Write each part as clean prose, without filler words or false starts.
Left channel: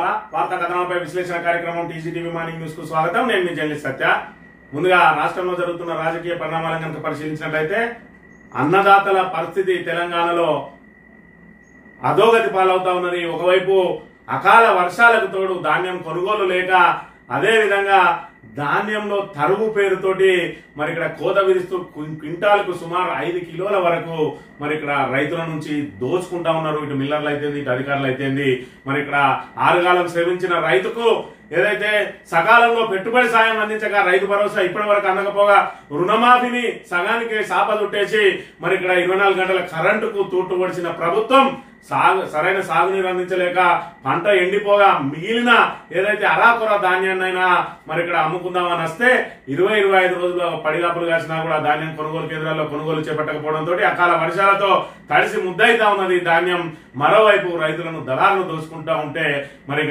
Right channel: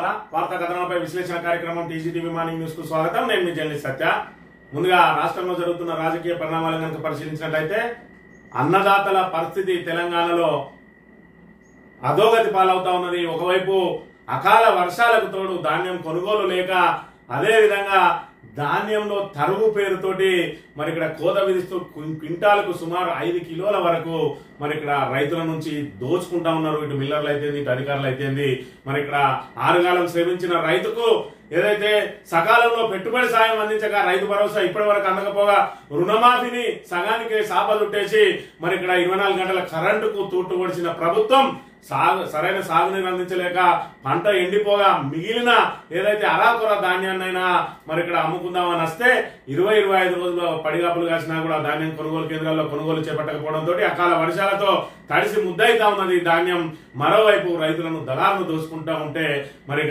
మిత్రులారా, వార్తా కథనాలపై విశ్లేషణ కార్యక్రమం టీజీటీవీ మార్నింగ్ న్యూస్ కు స్వాగతం. నేను మీ జర్నలిస్ట్ సత్య. ముందుగా రాష్ట్రంలో జరుగుతున్న రాజకీయ పరిణామాలను కనుక పరిశీలించినట్లయితే అన్నదాతల పరిస్థితి తెలంగాణలో అధోగతి పాలవుతా ఉన్నది. ఒకవైపు అకాల వర్షాలకు తోడు ధాన్యం కొనుగోలు లేక, అదే విధంగా ధాన్యంలో తరుగు పేరుతోటి మరి ఇక్కడ కోత విధిస్తూ క్వింటాలకు సుమారు 5 కిలోల వరకు మరి ఇక్కడ రైతుల నుంచి దోచుకుంటా ఉన్నారు. ఇటు మిల్లర్లు అయితేంది, ఇటు అధికారులు అయితేంది. మరి ఇక్కడ ఆరుగాలం శ్రమించిన రైతుకు ఏదైతే సకాలంలో పెట్టుబడి సాయం అందించక రైతు భరోసా ఇప్పటి వరకు అందకపోగా రుణమాఫీని సగానికి సాప చుట్టేసి మరి ఇక్కడ 24 గంటల కరెంటుకు తూట్టు పొడిచిన ప్రభుత్వం సరైన సాగునీరు అందించలేక పంట ఎండిపోగా మిగిలిన ఏదైతే అరాకొర ధాన్యాన్నైనా మరి ఇక్కడ అమ్ముకుందామని వస్తే 20-25 రోజులు పడిగాపులు కాసినా కూడా ధాన్యం కొనుగోలు కేంద్రాల్లో కొనుగోలు చేపట్టకపోవడంతో అకాల వర్షాలతో తడిసి ముద్దయితా ఉన్నది ధాన్యం. మరోవైపు రైతులను దళాలను దోసుకుంటా ఉంటే మరి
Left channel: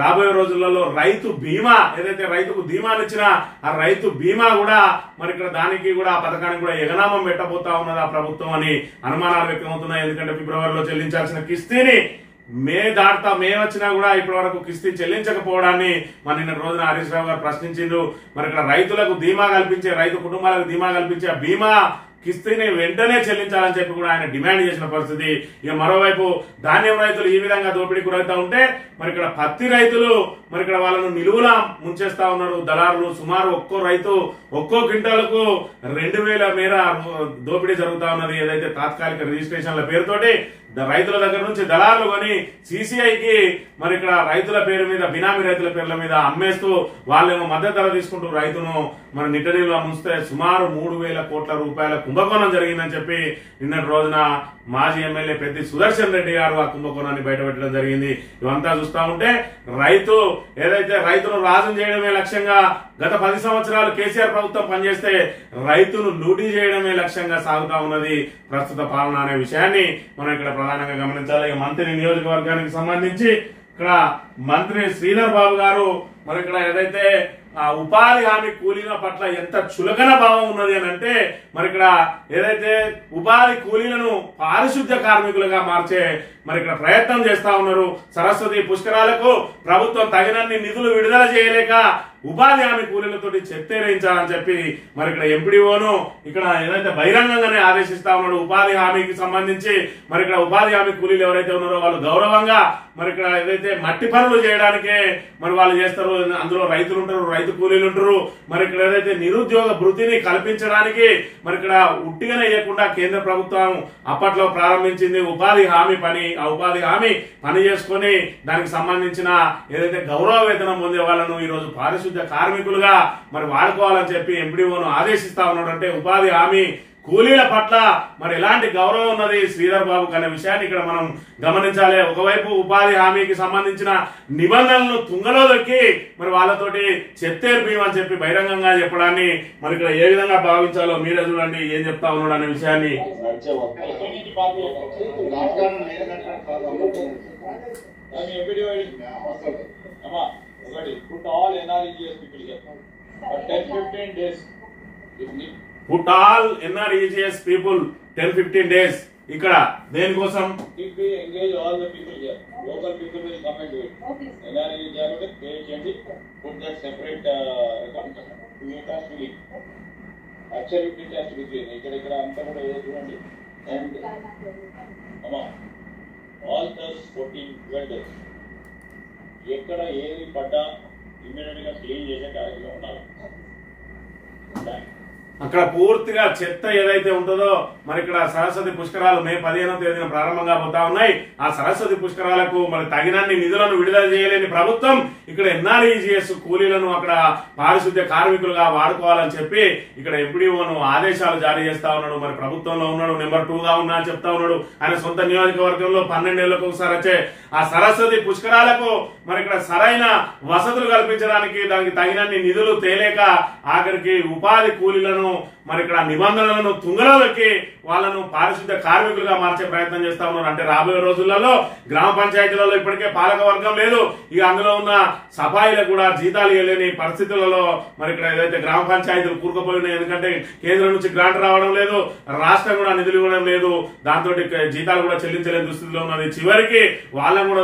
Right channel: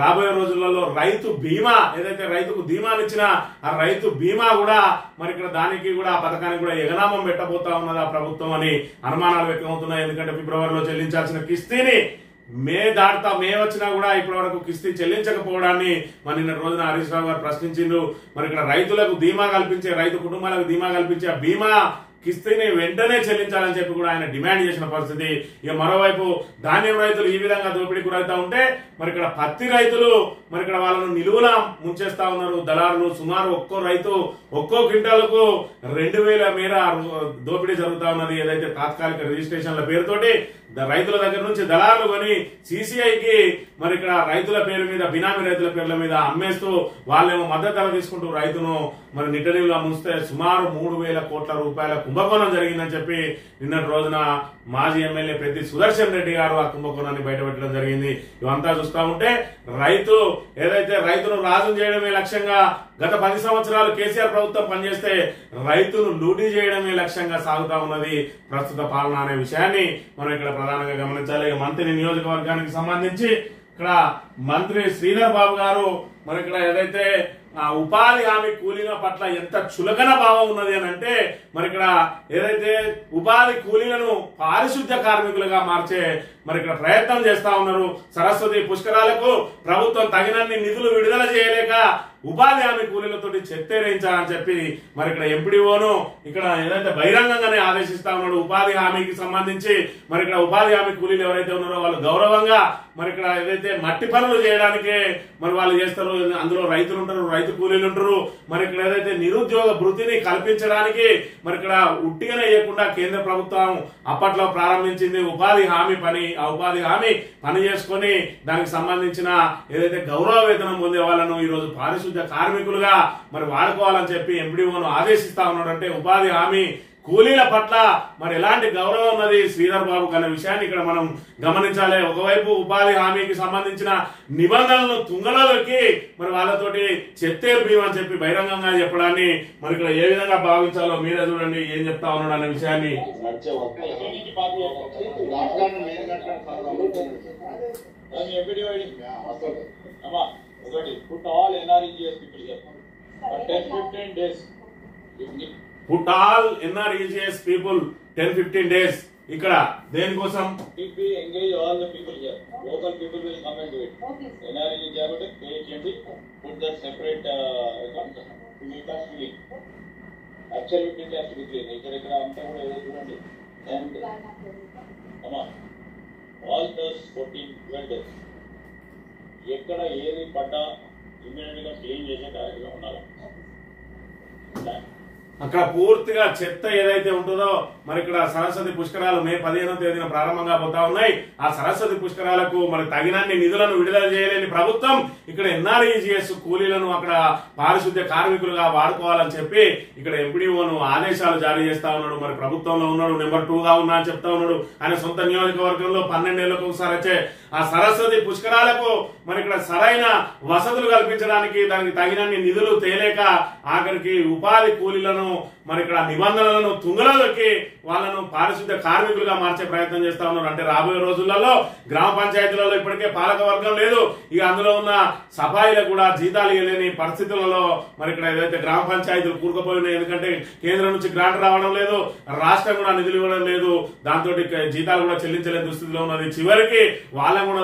రాబోయే రోజులలో రైతు బీమా ఏదైతే రైతుకు ధీమాలు ఇచ్చినా ఆ రైతు బీమా కూడా మరి ఇక్కడ దానికి కూడా ఆ పథకానికి కూడా ఎగనామం పెట్టబోతా ఉన్నది ఆ ప్రభుత్వం అని అనుమానాలు వ్యక్తమవుతున్నాయి. ఎందుకంటే ఫిబ్రవరిలో చెల్లించాల్సిన కిస్తీని మే వచ్చినా కూడా ఇప్పటి వరకు కిస్తీ చెల్లించకపోవడాన్ని మరి నిన్న రోజున హరీష్ రావు గారు ప్రశ్నించిండ్రు. మరి ఇక్కడ రైతులకు ధీమా కల్పించే, రైతు కుటుంబాలకు ధీమా కల్పించే బీమా కిస్తీని వెంటనే చెల్లించాలని చెప్పి కూడా ఆయన డిమాండ్ చేసిన పరిస్థితి. ఇక మరోవైపు ధాన్యం రైతులు ఈ విధంగా దోపిడీ గురవుతా ఉంటే మరి ఇక్కడ పత్తి రైతులు మరి ఇక్కడ వాళ్ళను నిలువులా ముంచేస్తా ఉన్నారు దళారులు. సుమారు ఒక్కో రైతు ఒక్కో క్వింటాలకు 2000 మేర దోపిడీ జరుగుతా ఉన్నది. ఏదైతే తాత్కాలిక రిజిస్ట్రేషన్ల పేరుతోటి రైతుల దగ్గర నుంచి దళారులు కొని సిసిఐకి మరి ఇక్కడ రైతుల పేరు మీద, బినామీ రైతుల పేర్ల మీద అమ్మేస్తూ వాళ్ళేమో మద్దతు ధర తీసుకుంటూ రైతును మరి నిట్టనీళ్ళలో ముంచితే సుమారు 3000 కోట్ల రూపాయల కుంభకోణం జరిగిందని చెప్పి నిన్నటి రోజున మాజీ ఎమ్మెల్యే పెద్ది సుదర్శన్ రెడ్డి గారు ఆ కుంభకోణాన్ని బయటపెట్టడం జరిగింది. ఇవంతా చూస్తా ఉంటే రైతు ఏదైతే రైతును రాజం చేయడమే లక్ష్యంగా గత 10 సంవత్సరాలు కేసీఆర్ ప్రభుత్వం పనిచేస్తే రైతును లూటీ చేయడమే లక్ష్యంగా సాగుతా ఉన్నది ప్రస్తుత పాలన అనే విషయాన్ని మనం ఇక్కడ ప్రధానంగా గమనించాలి. మంత్రి నియోజకవర్గానికి సంబంధించి ఇక్కడ మంత్రి శ్రీధర్ బాబు గారు మరి ఇక్కడ ఏదైతే ఉపాధి హామీ కూలీల పట్ల ఎంత చులకన భావం ఉన్నది అని అంటే మరి ఇక్కడ ఏదైతే ఉపాధి కూలీలను పారిశుద్ధ్య కార్మికులుగా మార్చే మరి ఇక్కడ ప్రయత్నం చేస్తా ఉన్నారు. సరస్వతి పుష్కరాలకు ప్రభుత్వం తగినన్ని నిధులు విడుదల చేయలేక ఉపాధి హామీ కూలీలతోటి చెత్తేరించాలని చెప్పి మరి ఇక్కడ ఎంపీడీఓను ఇక్కడ ఏదైతే బహిరంగంగానే ఆదేశిస్తా ఉన్నాడు. ఉపాధి హామీకి సంబంధించి మరి ఇక్కడ ఉపాధి హామీ కూలీలు ఎవరైతే ఉన్నారో వాళ్ళు గౌరవంగా మరి ఇక్కడ ఏదైతే మట్టి పనులు చేయడానికే మరి వాళ్ళు చేస్తారు. అందులో రైతులు ఉంటారు, రైతు కూలీలు ఉంటారు. మరి ఇక్కడ ఏదైతే నిరుద్యోగ భృతిని కల్పించడానికి మరి ఇక్కడ ఉట్టిగానే ఇవ్వకుండా కేంద్ర ప్రభుత్వం అప్పట్లో ప్రారంభించింది ఉపాధి హామీ పని. ఆ ఉపాధి హామీ పని చేసుకుని దానికి సంబంధించిన ఏదైతే గౌరవ వేతనం పొందే వాళ్ళను ఈ రోజు పారిశుద్ధ్య కార్మికులుగా మరి వాడుకోవాలని చెప్పి ఎంపీడీఓను ఆదేశిస్తా ఉన్నాడు. అంటే ఉపాధి హామీ కూలీల పట్ల మరి ఎలాంటి గౌరవం ఉన్నది శ్రీధర్ బాబు అనే విషయాన్ని ఇక్కడ మనం గమనించాలి. ఒకవైపు ఉపాధి హామీకి సంబంధించిన నిబంధనలను తుంగలో దొక్కి మరి వాళ్ళతోటి చెత్తేర్పీయం అని చెప్పి బహిరంగంగా చెప్పడాన్ని మరి ఇక్కడ ఏ విధంగా భావించాలో మీరే చూడండి ఏం చెప్తా ఉన్నాడు అనే విషయాన్ని. Put all NREGS people 10-15 days. ఇక్కడ దేనికోసం? engage all the people here. Local people will come and do it. NREGS pay change, put the separate absolutely has to be clean. ఇక్కడ అంతా కూడా ఏదో చూడండి. And all those 14 days ఎక్కడ ఏది పడ్డా ఇమ్మీడియట్ గా క్లీన్ చేసే కార్యక్రమం ఉండాలి. అక్కడ పూర్తిగా చెత్త ఏదైతే ఉంటుందో మరి ఇక్కడ సరస్వతి పుష్కరాలు మే 15వ తేదీన ప్రారంభంగా పోతా ఉన్నాయి. ఆ సరస్వతి పుష్కరాలకు మరి తగినన్ని నిధులను విడుదల చేయలేని ప్రభుత్వం ఇక్కడ ఎన్ఆర్ఈజీఎస్ కూలీలను అక్కడ పారిశుద్ధ్య కార్మికులుగా వాడుకోవాలని చెప్పి ఇక్కడ ఎంపీడీఓను ఆదేశాలు జారీ చేస్తా ఉన్నాడు. మరి ప్రభుత్వంలో ఉన్నాడు, నెంబర్ 2గా ఉన్నా అని చెప్తా ఉన్నాడు. ఆయన సొంత నియోజకవర్గంలో 12 ఏళ్లకు ఒకసారి వచ్చే ఆ సరస్వతి పుష్కరాలకు మరి ఇక్కడ సరైన వసతులు కల్పించడానికి దానికి తగినన్ని నిధులు తేలేక ఆఖరికి ఉపాధి కూలీలను మరి ఇక్కడ నిబంధనలను తుంగలోకి వాళ్ళను పారిశుద్ధ కార్మికులుగా మార్చే ప్రయత్నం చేస్తా ఉన్నారు. అంటే రాబోయే రోజులలో గ్రామ పంచాయతీలలో ఇప్పటికే పాలక వర్గం లేదు, ఇక అందులో ఉన్న సఫాయిలకు కూడా జీతాలు ఇవ్వలేని పరిస్థితులలో మరి ఇక్కడ ఏదైతే గ్రామ పంచాయతీలు కూరుకుపోయినాయి. ఎందుకంటే కేంద్రం నుంచి గ్రాంట్ రావడం లేదు, రాష్ట్రం కూడా నిధులు ఇవ్వడం లేదు, దాంతో జీతాలు కూడా చెల్లించలేని దుస్థితిలో ఉన్నది. చివరికి వాళ్ళని కూడా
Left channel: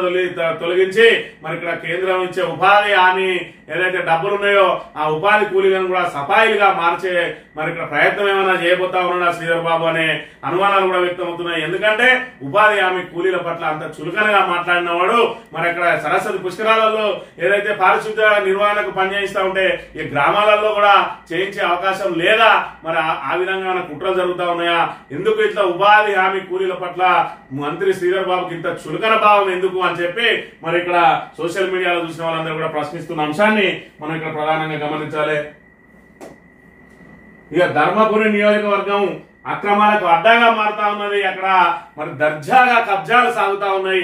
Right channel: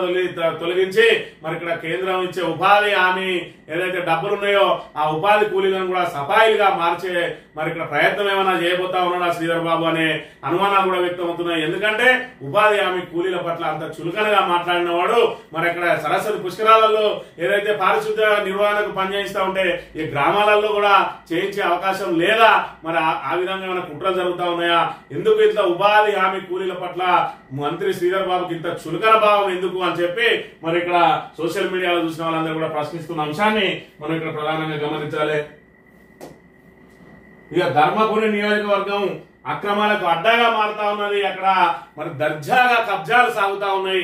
తొలగించి మరి ఇక్కడ కేంద్రం ఇచ్చే ఉపాధి హామీ ఏదైతే డబ్బులు ఉన్నాయో ఆ ఉపాధి కూలీలను కూడా సఫాయిలుగా మార్చే మరి ఇక్కడ ప్రయత్నం ఏమైనా చేయబోతా ఉన్నాడా శ్రీధర్ బాబు అనే అనుమానాలు కూడా వ్యక్తం అవుతున్నాయి. ఎందుకంటే ఉపాధి హామీ కూలీల పట్ల అంత చులకనగా మాట్లాడిన వాడు మరి ఇక్కడ సరస్వతి పుష్కరాలలో ఏదైతే పారిశుద్ధ నిర్వహణకు పనిచేయిస్తా ఉంటే ఈ గ్రామాలలో కూడా చేయించే అవకాశం లేదా? మరి ఆ విధంగా ఏమైనా కుట్రలు జరుగుతా ఉన్నాయా? ఎందుకు ఇట్లా ఉపాధి హామీ కూలీల పట్ల మంత్రి శ్రీధర్ బాబుకి ఇంత చులకన భావం ఎందుకు అని చెప్పి మరి ఇక్కడ సోషల్ మీడియాలో చూసిన వాళ్ళందరూ కూడా ప్రశ్నిస్తున్న అంశాన్ని మనం ఇక్కడ ప్రధానంగా గమనించాలి. ఇక ధర్మపురి నియోజకవర్గం అక్రమాలకు అడ్డాగా మారుతా ఉన్నది. అక్కడ మరి దర్జాగా కబ్జాలు సాగుతా ఉన్నాయి.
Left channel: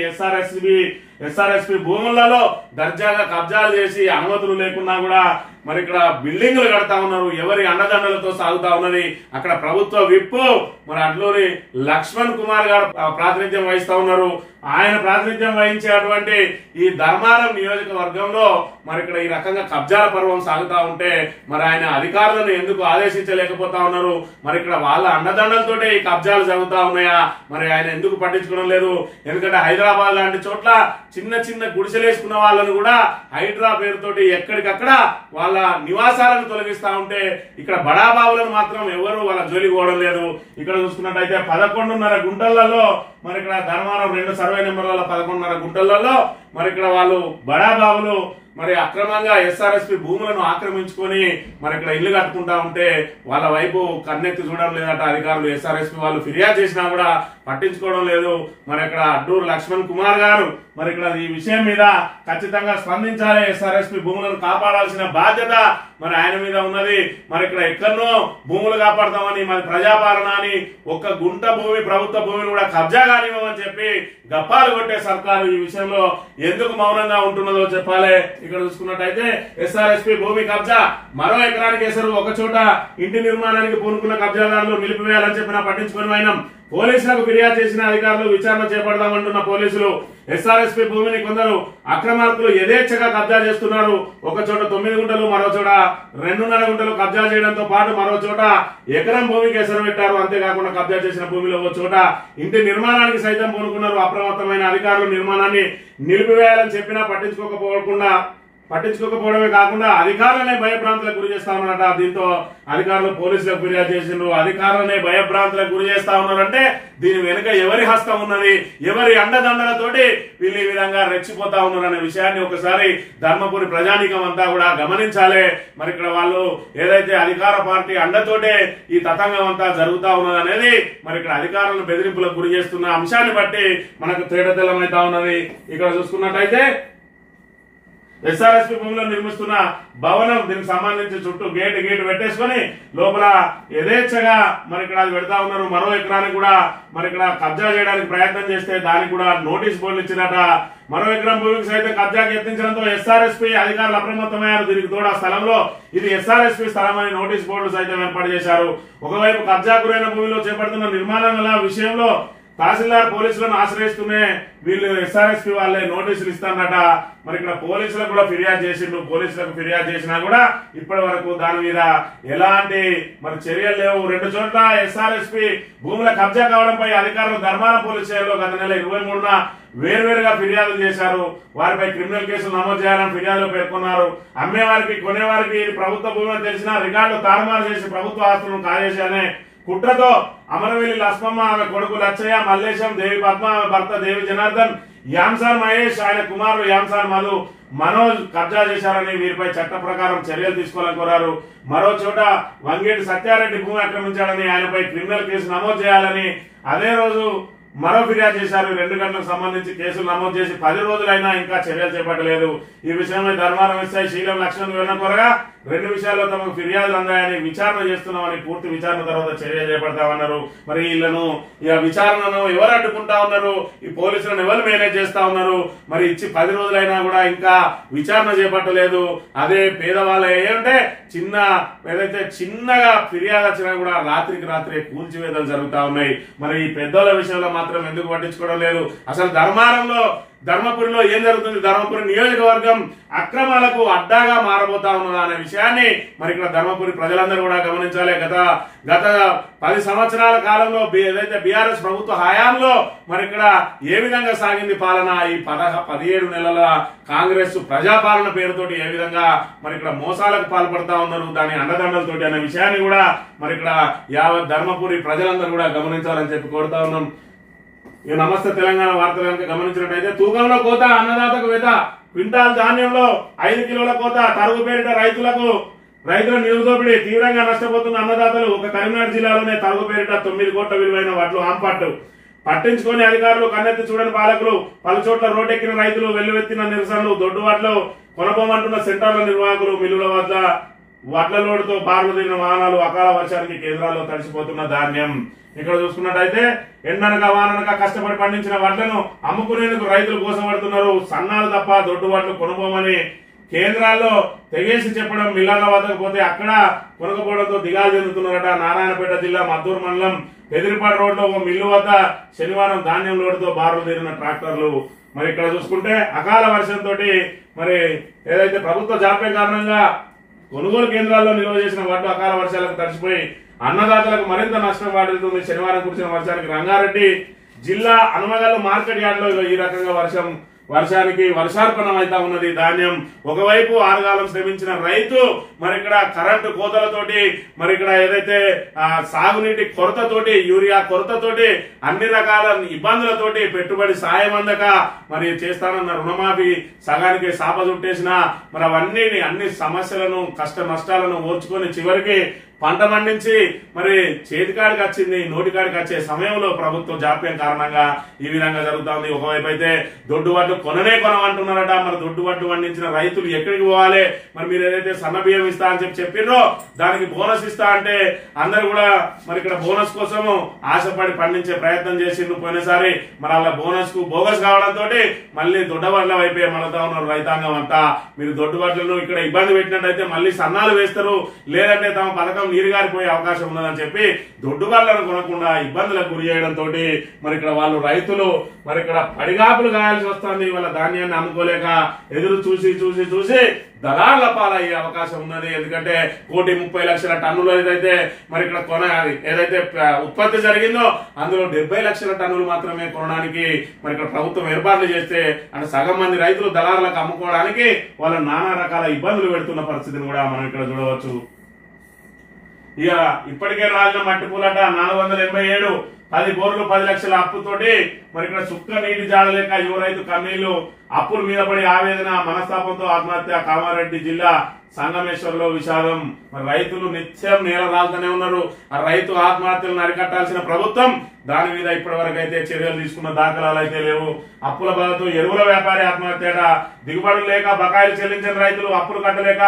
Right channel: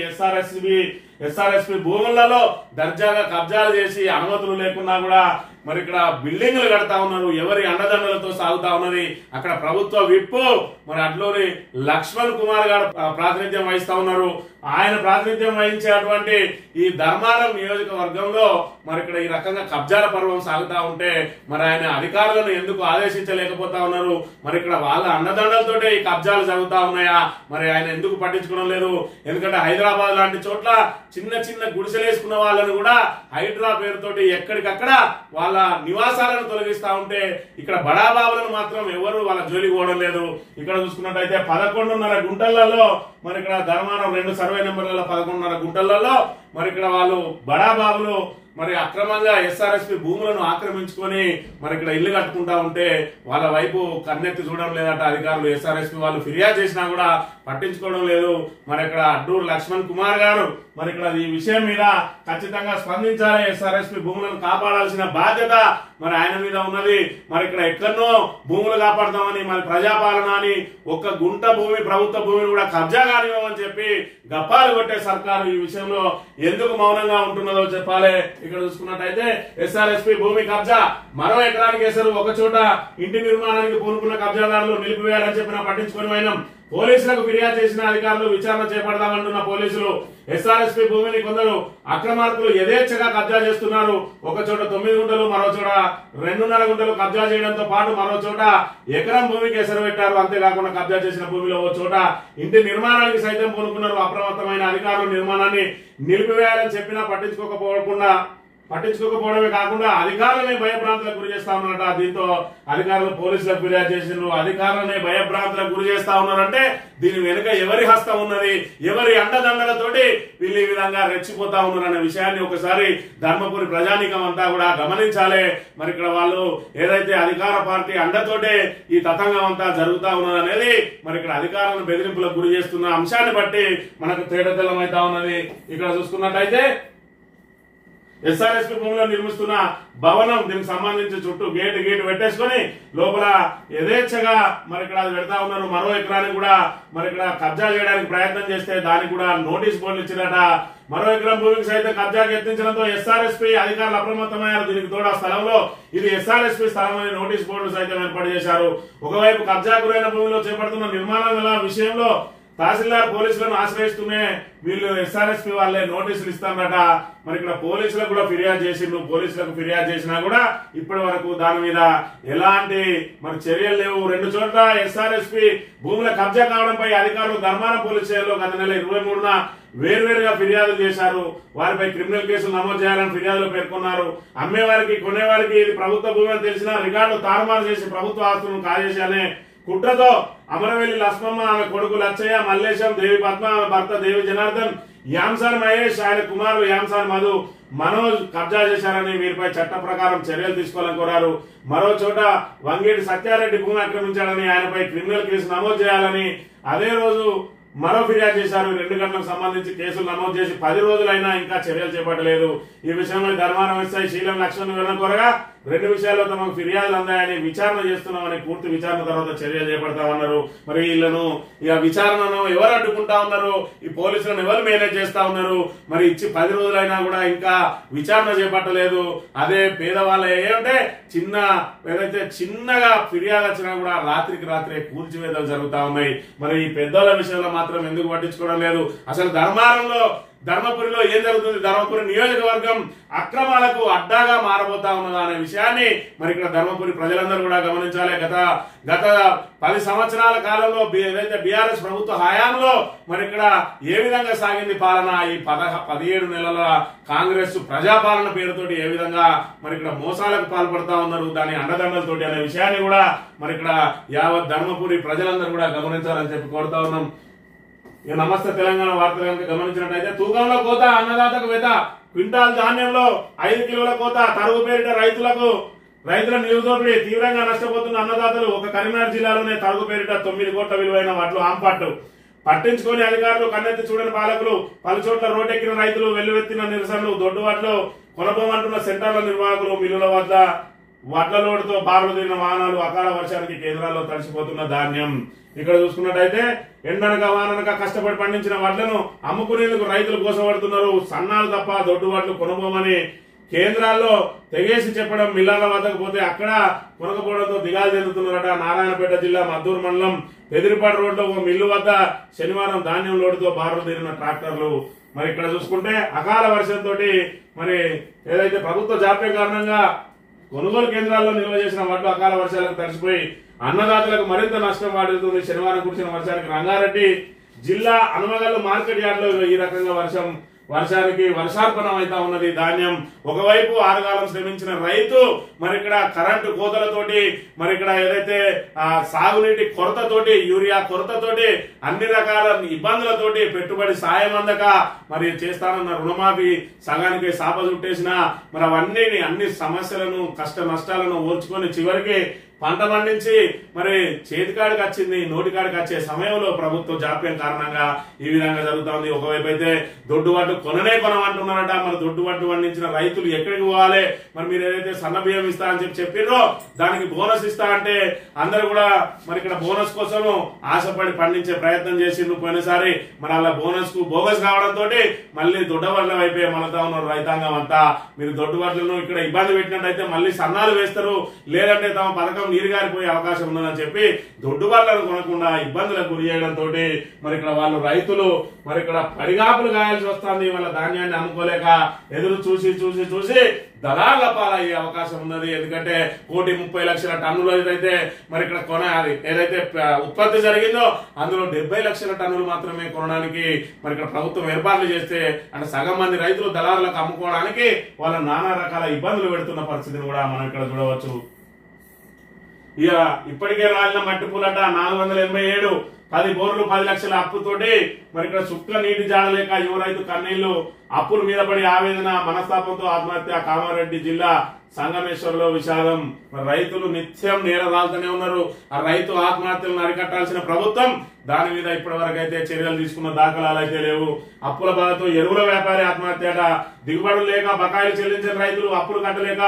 ఎస్ఆర్ఎస్పి భూములలో దర్జాగా కబ్జాలు చేసి అనుమతులు లేకున్నా కూడా మరి ఇక్కడ బిల్డింగ్లు కడతా ఉన్నారు. ఎవరి అండదండలతో సాగుతా ఉన్నది. అక్కడ ప్రభుత్వ విప్పు మరి అట్లోని లక్ష్మణ్ కుమార్ గారు ప్రాతినిధ్యం వహిస్తా ఉన్నారు. ఆయన ప్రాతినిధ్యం వహించేటువంటి ఈ ధర్మారం నియోజకవర్గంలో మరి ఇక్కడ ఈ రకంగా కబ్జాల పర్వం సాగుతా ఉంటే మరి ఆయన అధికారులను ఎందుకు ఆదేశించలేకపోతా ఉన్నారు? మరి ఇక్కడ వాళ్ళ అండదండలతోటే ఈ కబ్జాలు జరుగుతా ఉన్నాయా? మరి ఆయన ఎందుకు పట్టించుకోవడం లేదు? ఎందుకంటే హైదరాబాద్ లాంటి చోట్ల చిన్న చిన్న గుడిసెలేసుకున్న వాళ్ళను కూడా హైడ్రా పేరుతోటి ఎక్కడికక్కడ వాళ్ళ నివాసాలను తొలగిస్తా ఉంటే ఇక్కడ బడాబాబులను మాత్రం ఎవరు వాళ్ళ జోలికి పోవడం లేదు. ఇక్కడ చూసుకున్నట్టయితే 11.5 గుంటలలో మరి ఇక్కడ ధర్మారం 2 సర్వే నెంబర్లలో 11.5 గుంటలలో మరి ఇక్కడ వాళ్ళు బడాబాబులు మరి అక్రమంగా ఎస్ఆర్ఎస్పి భూములను ఆక్రమించుకొని మరి ఇక్కడ ఇల్లు కట్టుకుంటా ఉంటే వాళ్ళ వైపు కన్నెత్తి చూడడం లేదట అధికారులు. ఎస్ఆర్ఎస్పి వాళ్ళు ఫిర్యాదు చేసినా కూడా పట్టించుకోవడం లేదు. మరి ఇక్కడ అడ్డూరు లక్ష్మణ్ కుమార్ గారు మరి ఇక్కడ ఈ విషయం మీద ఖచ్చితంగా స్పందించాలి. ఎస్ఆర్ఎస్పి భూములను కాపాడాల్సిన బాధ్యత మరి ఆయన మీద ఉన్నది. మరి ఇక్కడ ఎక్కడనో భూములు కాపాడతామని మరి ప్రజాపాలన అని ఒక్క గుంట భూమి ప్రభుత్వ భూమిని కూడా కబ్జా కానివ్వమని చెప్పి గప్పాలు కొట్టే సర్కారు ఈ విషయంలో ఎందుకు మౌనంగా ఉంటున్నదో చెప్పాలి. ఇక్కడ చూసుకున్నట్టయితే ఎస్ఆర్ఎస్పి భూమి కబ్జా మరో ఎకరానికి వేసారు. ఒక చోట ఇంటి నిర్మాణానికి పూనుకున్న కబ్జాదారులు నిలిపివేయాలని చెప్పినా పట్టించుకుని పోయినాం. పోలీసులకు ఫిర్యాదు చేసిన అధికారులు విచారణ చేపడదామంటున్న పోలీసులు ఎస్ఆర్ఎస్పి భూమిని కొందరు అక్రమార్కులు యథేచ్ఛగా కబ్జా చేస్తున్నారు. ఒక చోట 9 గుంటలు, మరో చోట 2.5 గుంటలు కబ్జా చేయడంతో పాటు మరో చోట ఎకరం భూమికి ఎసరు పెట్టారు. అంతేకాకుండా కబ్జా చేసిన భూమిలో ఓ చోట ఇంటి నిర్మాణానికి సైతం పూనుకున్నారు. అప్రమత్తమైన అధికారులు నిర్మాణాన్ని నిలిపివేయాలని చెప్పినా పట్టించుకోకపోవడమే కాకుండా అధికారులనే భయభ్రాంతులకు గురి చేస్తా ఉన్నారట. దీంతో అధికారులు పోలీసులకు ఫిర్యాదు చేసిండ్రు. అధికారులనే భయభ్రాంతులకు గురి చేస్తా ఉన్నారంటే దీని వెనుక ఎవరి హస్తం ఉన్నది, ఎవరి అండదండలతోటి వీళ్ళు ఈ విధంగా రెచ్చిపోతా ఉన్నారు అనే విషయాన్ని ఒకసారి ధర్మపురి ప్రజానీకం అంతా కూడా గమనించాలి. మరి ఇక్కడ వాళ్ళు ఏదైతే అధికార పార్టీ అండతోటే ఈ తతంగం అంతా జరుగుతా ఉన్నది అనేది మరి ఇక్కడ అధికారులను బెదిరింపులకు గురి చేస్తున్న అంశాన్ని బట్టి మనకు తేటతెల్లమైతా ఉన్నది. ఇక్కడ చూసుకున్నట్టయితే ఎస్ఆర్ఎస్పి భూమిలో నిర్మిస్తున్న భవనం దీనికి సంబంధించి చుట్టూ గేటు పెట్టేసుకుని లోపల యథేచ్ఛగా మరి ఇక్కడ అది పెడతా ఉన్నారు. మరో ఎకరానికి కూడా మరి ఇక్కడ కబ్జా చేయడానికి ప్రయత్నం చేస్తే దానికి కూడా నోటీస్ బోర్డులు ఇచ్చినట. మరో ఎకరం భూమికి సైతం కబ్జాకి యత్నించడంతో ఎస్ఆర్ఎస్పి అధికారులు అప్రమత్తమయ్యారు. దీనికి తోడు ఆ స్థలంలో ఇది ఎస్ఆర్ఎస్పి స్థలం అని నోటీస్ బోర్డులు సైతం ఏర్పాటు చేశారు. ఒకవైపు కబ్జా గురైన భూమిలో చేపడుతున్న నిర్మాణాల విషయంలో తహసీల్దార్ పోలీసులను ఆశ్రయిస్తూనే వీళ్ళు ఎస్ఆర్ఎస్పి వాళ్ళే నోటీసులు ఇస్తారట. మరి ఇక్కడ పోలీసులకు కూడా ఫిర్యాదు చేసిండ్రు. పోలీసులకు ఫిర్యాదు చేసినా కూడా ఇప్పటి వరకు దాని మీద ఎలాంటి మరి చర్యలు లేవు. 2 చోట్ల ఎస్ఆర్ఎస్పి భూముల కబ్జా కావడంపై అధికారులు ధర్మాన పోలీస్ స్టేషన్లో గత నెల 23న వేర్వేరుగా ఫిర్యాదులు చేశారు. వారిపై క్రిమినల్ కేసులు నమోదు చేయాలని ఫిర్యాదులో పేర్కొన్నారు. అమ్మేవారికి కొనేవారికి ప్రభుత్వ భూమి అని తెలిసిన రికార్డులు తారుమారు చేసి ప్రభుత్వ ఆస్తులను కాజేశాలనే కుట్రతో అమరవెల్లి లక్ష్మమ్మ, ఆమె కొడుకు లచ్చయ్య, మల్లేశం, దేవి పద్మ, ఆమె భర్త దేవి జనార్దన్, యాంసాన్ మహేష్, ఆయన కుమారుడు యాంసాన్ మధు, మనోజ్ కబ్జా చేశారని వీరిపై చట్ట ప్రకారం చర్యలు తీసుకోవాలని కోరారు. మరో చోట వంగేటి సత్యారెడ్డి భూమి ఆక్రమించాడని ఆయనపై క్రిమినల్ కేసు నమోదు చేయాలని అదే రోజు మరో ఫిర్యాదు చేశారు. 2 గంటలకు సంబంధించి కేసులు నమోదు చేసి 10 రోజులైనా ఇంకా చర్యలు చేపట్టలేదు. ఈ విషయంలో ధర్మారం ఎస్ఐ శీలం లక్ష్మణ్ వివరణ కోరగా 2 విషయాల్లో తమకు ఫిర్యాదులు అందాయని విచారణ చేస్తున్నామని, పూర్తి విచారణ తర్వాత చర్య చేపడతామన్నారు. మరి వీళ్ళను ఇక విచారణను ఎవరు అడ్డుకుంటా ఉన్నారు, ఈ పోలీసులను ఎవరు మేనేజ్ చేస్తా ఉన్నారు? మరి ఇచ్చి 10 రోజులైనా కూడా ఇంకా విచారణ చేపట్టలేదు. అదే పేదవాళ్ళ ఏమంటే ఏదైతే చిన్నగా ఫిర్యాదు వచ్చినా కూడా రాత్రికి రాత్రే కూల్చివేతలు జరుగుతా ఉన్నాయి. మరి ఈ పెద్దోళ్ళ విషయంలో మాత్రం ఎందుకు పట్టించుకోవడం లేదు? అసలు ధర్మపురిలో ఏం జరుగుతుంది? ధర్మపురి నియోజకవర్గం అక్రమాలకు అడ్డాగా మారబోతా ఉన్నదా అనే విషయాన్ని మరి ఇక్కడ ధర్మపురి ప్రజలందరూ కూడా గమనించాలి. గత 10 సంవత్సరాల కాలంలో ఏదైతే బీఆర్ఎస్ ప్రభుత్వ హయాంలో మరి ఇక్కడ ఏ విధంగా సాగింది పాలన, ఈ 17 నెలల కాంగ్రెస్ ప్రజాపాలన పేరుతోటి ఏ విధంగా మరి ఇక్కడ మోసాలకు పాల్పడతా ఉన్నారు, దాని అండదండలతోటి అనే విషయాన్ని కూడా మరి ఇక్కడ యావత్ ధర్మపురి ప్రజలందరూ కూడా గమనించాలని చెప్పి కోరుతా ఉన్నాం. ఇక నమస్తే తెలంగాణ వార్తలు కనుక గమనించినట్టయితే తూకంలో కోత, అన్నదాతకు వేత, క్వింటాల్ ధాన్యంలో 5 కిలోల కోత, తరుగు పేరిట రైతుల నిరుదోపిడి, తీవ్రంగా నష్టపోతున్న అన్నదాతలు. ఒక కరీంనగర్ జిల్లాలోనే తరుగు పేరిట 9 కోట్ల విలువైన వడ్లు ఆంపట్టు పట్టించుకొని అధికారులు, కన్నెత్తి చూడని పాలకులు, పలు చోట్ల రోడ్డెక్కిన రైతులు, వెల్లువెత్తిన నిరసనలు, దొడ్డువాట్లు కొనబోమంటున్న సెంటర్ల నిర్వాహకులు, మిల్లుల వద్ద వడ్ల లోడుతో బారులు తిరిగిన వాహనాలు, అకాల వర్షానికి కేంద్రాల్లో తడిసిపోతున్న ధాన్యం. ఇక్కడ చూసుకున్నట్టయితే ఎండనక వాననక కష్టపడి పండించిన వడ్లను అమ్ముకునేందుకు రైతులు కోసపడుతున్నారు. సన్నాలు తప్ప దొడ్డు వడ్లు కొనుగోమని కేంద్రాల్లో తెగేసి చెప్పడం, మిల్లర్ల వద్దకు పోతే అక్కడ కొనకపోవడంతో దిగాలు చెందుతున్నారట. నారాయణపేట జిల్లా మద్దూరు మండలం పెదిరిపాడు రోడ్లో ఓ మిల్లు వద్ద శనివారం ధాన్యం లోడుతో బారులు తీరిన ట్రాక్టర్లు. మరి ఇక్కడ చూసుకుంటే అకాల వర్షంతో మరి ఏదైతే ప్రభుత్వ జాప్యం కారణంగా కొనుగోలు కేంద్రాల్లో నిల్వ చేసిన వడ్లు అకాల వర్షాలకు తడిసిపోయి అన్నదాతలకు మరింత నష్టం వాటిల్తుంది. శనివారం కురిసిన వర్షానికి రంగారెడ్డి జిల్లా హనుమగల్లు మార్కెట్ యార్డ్ లో ఈ రకంగా వర్షానికి వర్షార్పణం అయితా ఉన్నది. ధాన్యం ఒకవైపు ఆరుగాలం శ్రమించిన రైతు మరి ఇక్కడ కరెంటు కోతలతోటి మరి ఇక్కడ ఏదైతే సాగునీటి కొరతతోటి, యూరియా కొరతతోటి, అన్ని రకాల ఇబ్బందులతోటి, పెట్టుబడి సాయం అందక మరి చేస్తానన్న రుణమాఫీ సగానికి సాప చుట్టేసిన మరి అన్ని సమస్యలను, కష్ట నష్టాలను ఓర్చుకొని చివరికి పంట పండించి మరి చేతికాడికి వచ్చింది, నోటికాడికి వచ్చే సమయంలో ప్రభుత్వ జాప్యం కారణంగా ఈ విధంగా జరుగుతుంది. ఒకవైపు అయితే దొడ్డు వడ్లు కొనమంటున్నారట. మరి దొడ్డు వడ్లు పండించిన రైతులు ఎక్కడికి పోవాలి? మరి మీరు ఏదైతే సన్న బియ్యం ఇస్తా అని చెప్పిర్రో దానికి బోనస్ ఇస్తా అంటే అందరు కూడా మరి ఇక్కడ బోనస్ కోసం ఆశపడి పండించే ప్రయత్నం చేసిండ్రు పోయినసారి. మరి అలా బోనస్ కు బోగస్ కావడంతో మళ్ళీ దొడ్డ వడ్ల వైపే మళ్ళతా ఉన్నారు రైతాంగం అంతా. మీరు దొడ్డు వడ్లను ఇక్కడ ఇబ్బంది పెట్టినట్టయితే మళ్ళీ సన్నాలు వేస్తారు, లేదంటే తమ పథకం నీరుగారిపోయే అవకాశం ఉన్నదని చెప్పి దొడ్డు వడ్లను కొనకుండా ఇబ్బందులకు గురి చేయడంతో మరి ఇక్కడ వాళ్ళు రైతులు మరి ఇక్కడ పడిగాపులు గాయాల్సి వస్తుంది. వాళ్ళ ధాన్యాన్ని అమ్ముకోలేక ఎదురు చూసి దళార్ల పాలయ్యే అవకాశం ఉన్నది. ఎందుకంటే 1,30,00,000 టన్నులు ఏదైతే మరి ఇక్కడ ఏదైతే ఉత్పత్తి జరిగిందో అందులో 70 లక్షల టన్నులు మాత్రమే కొనడానికి మరి ఇక్కడ ప్రభుత్వం ఏర్పాట్లు చేస్తే అంటే సగం మంది రైతులు దళారులకు అమ్ముకోవడానికి వాళ్ళ నానా రకాల ఇబ్బందులు పెడుతున్న పరిస్థితిని కూడా మనం ఇక్కడ చూడవచ్చు. ఇక ఇప్పటికే రాలిన మట్టి పూలట 487, 10 బోర్లు 10 లక్షల అప్పుతోటి మరి ఇక్కడ సుక్క నీటి జాడలేక యువ రైతు కన్నీళ్లు, అప్పుల మీద పడి ఆవేదన, మనస్తాపంతో ఆత్మహత్య. కామారెడ్డి జిల్లా సంగమేశ్వర్లో విషాదం. మరి రైతులు నిత్యం నేల రాలుతూనే ఉన్నారు. ఆ రైతు ఆత్మహత్యలను అరికట్టాల్సిన ప్రభుత్వం దాని మీద ఇప్పటి వరకు అయితే చర్యలు తీసుకున్న దాఖలాలు అయితే లేవు. అప్పుల బాధతో ఎరువుల వ్యాపారి ఆత్మహత్యట. దిగుబడులు లేక బకాయిలు చెల్లించిన రైతులు అప్పులు కట్టలేక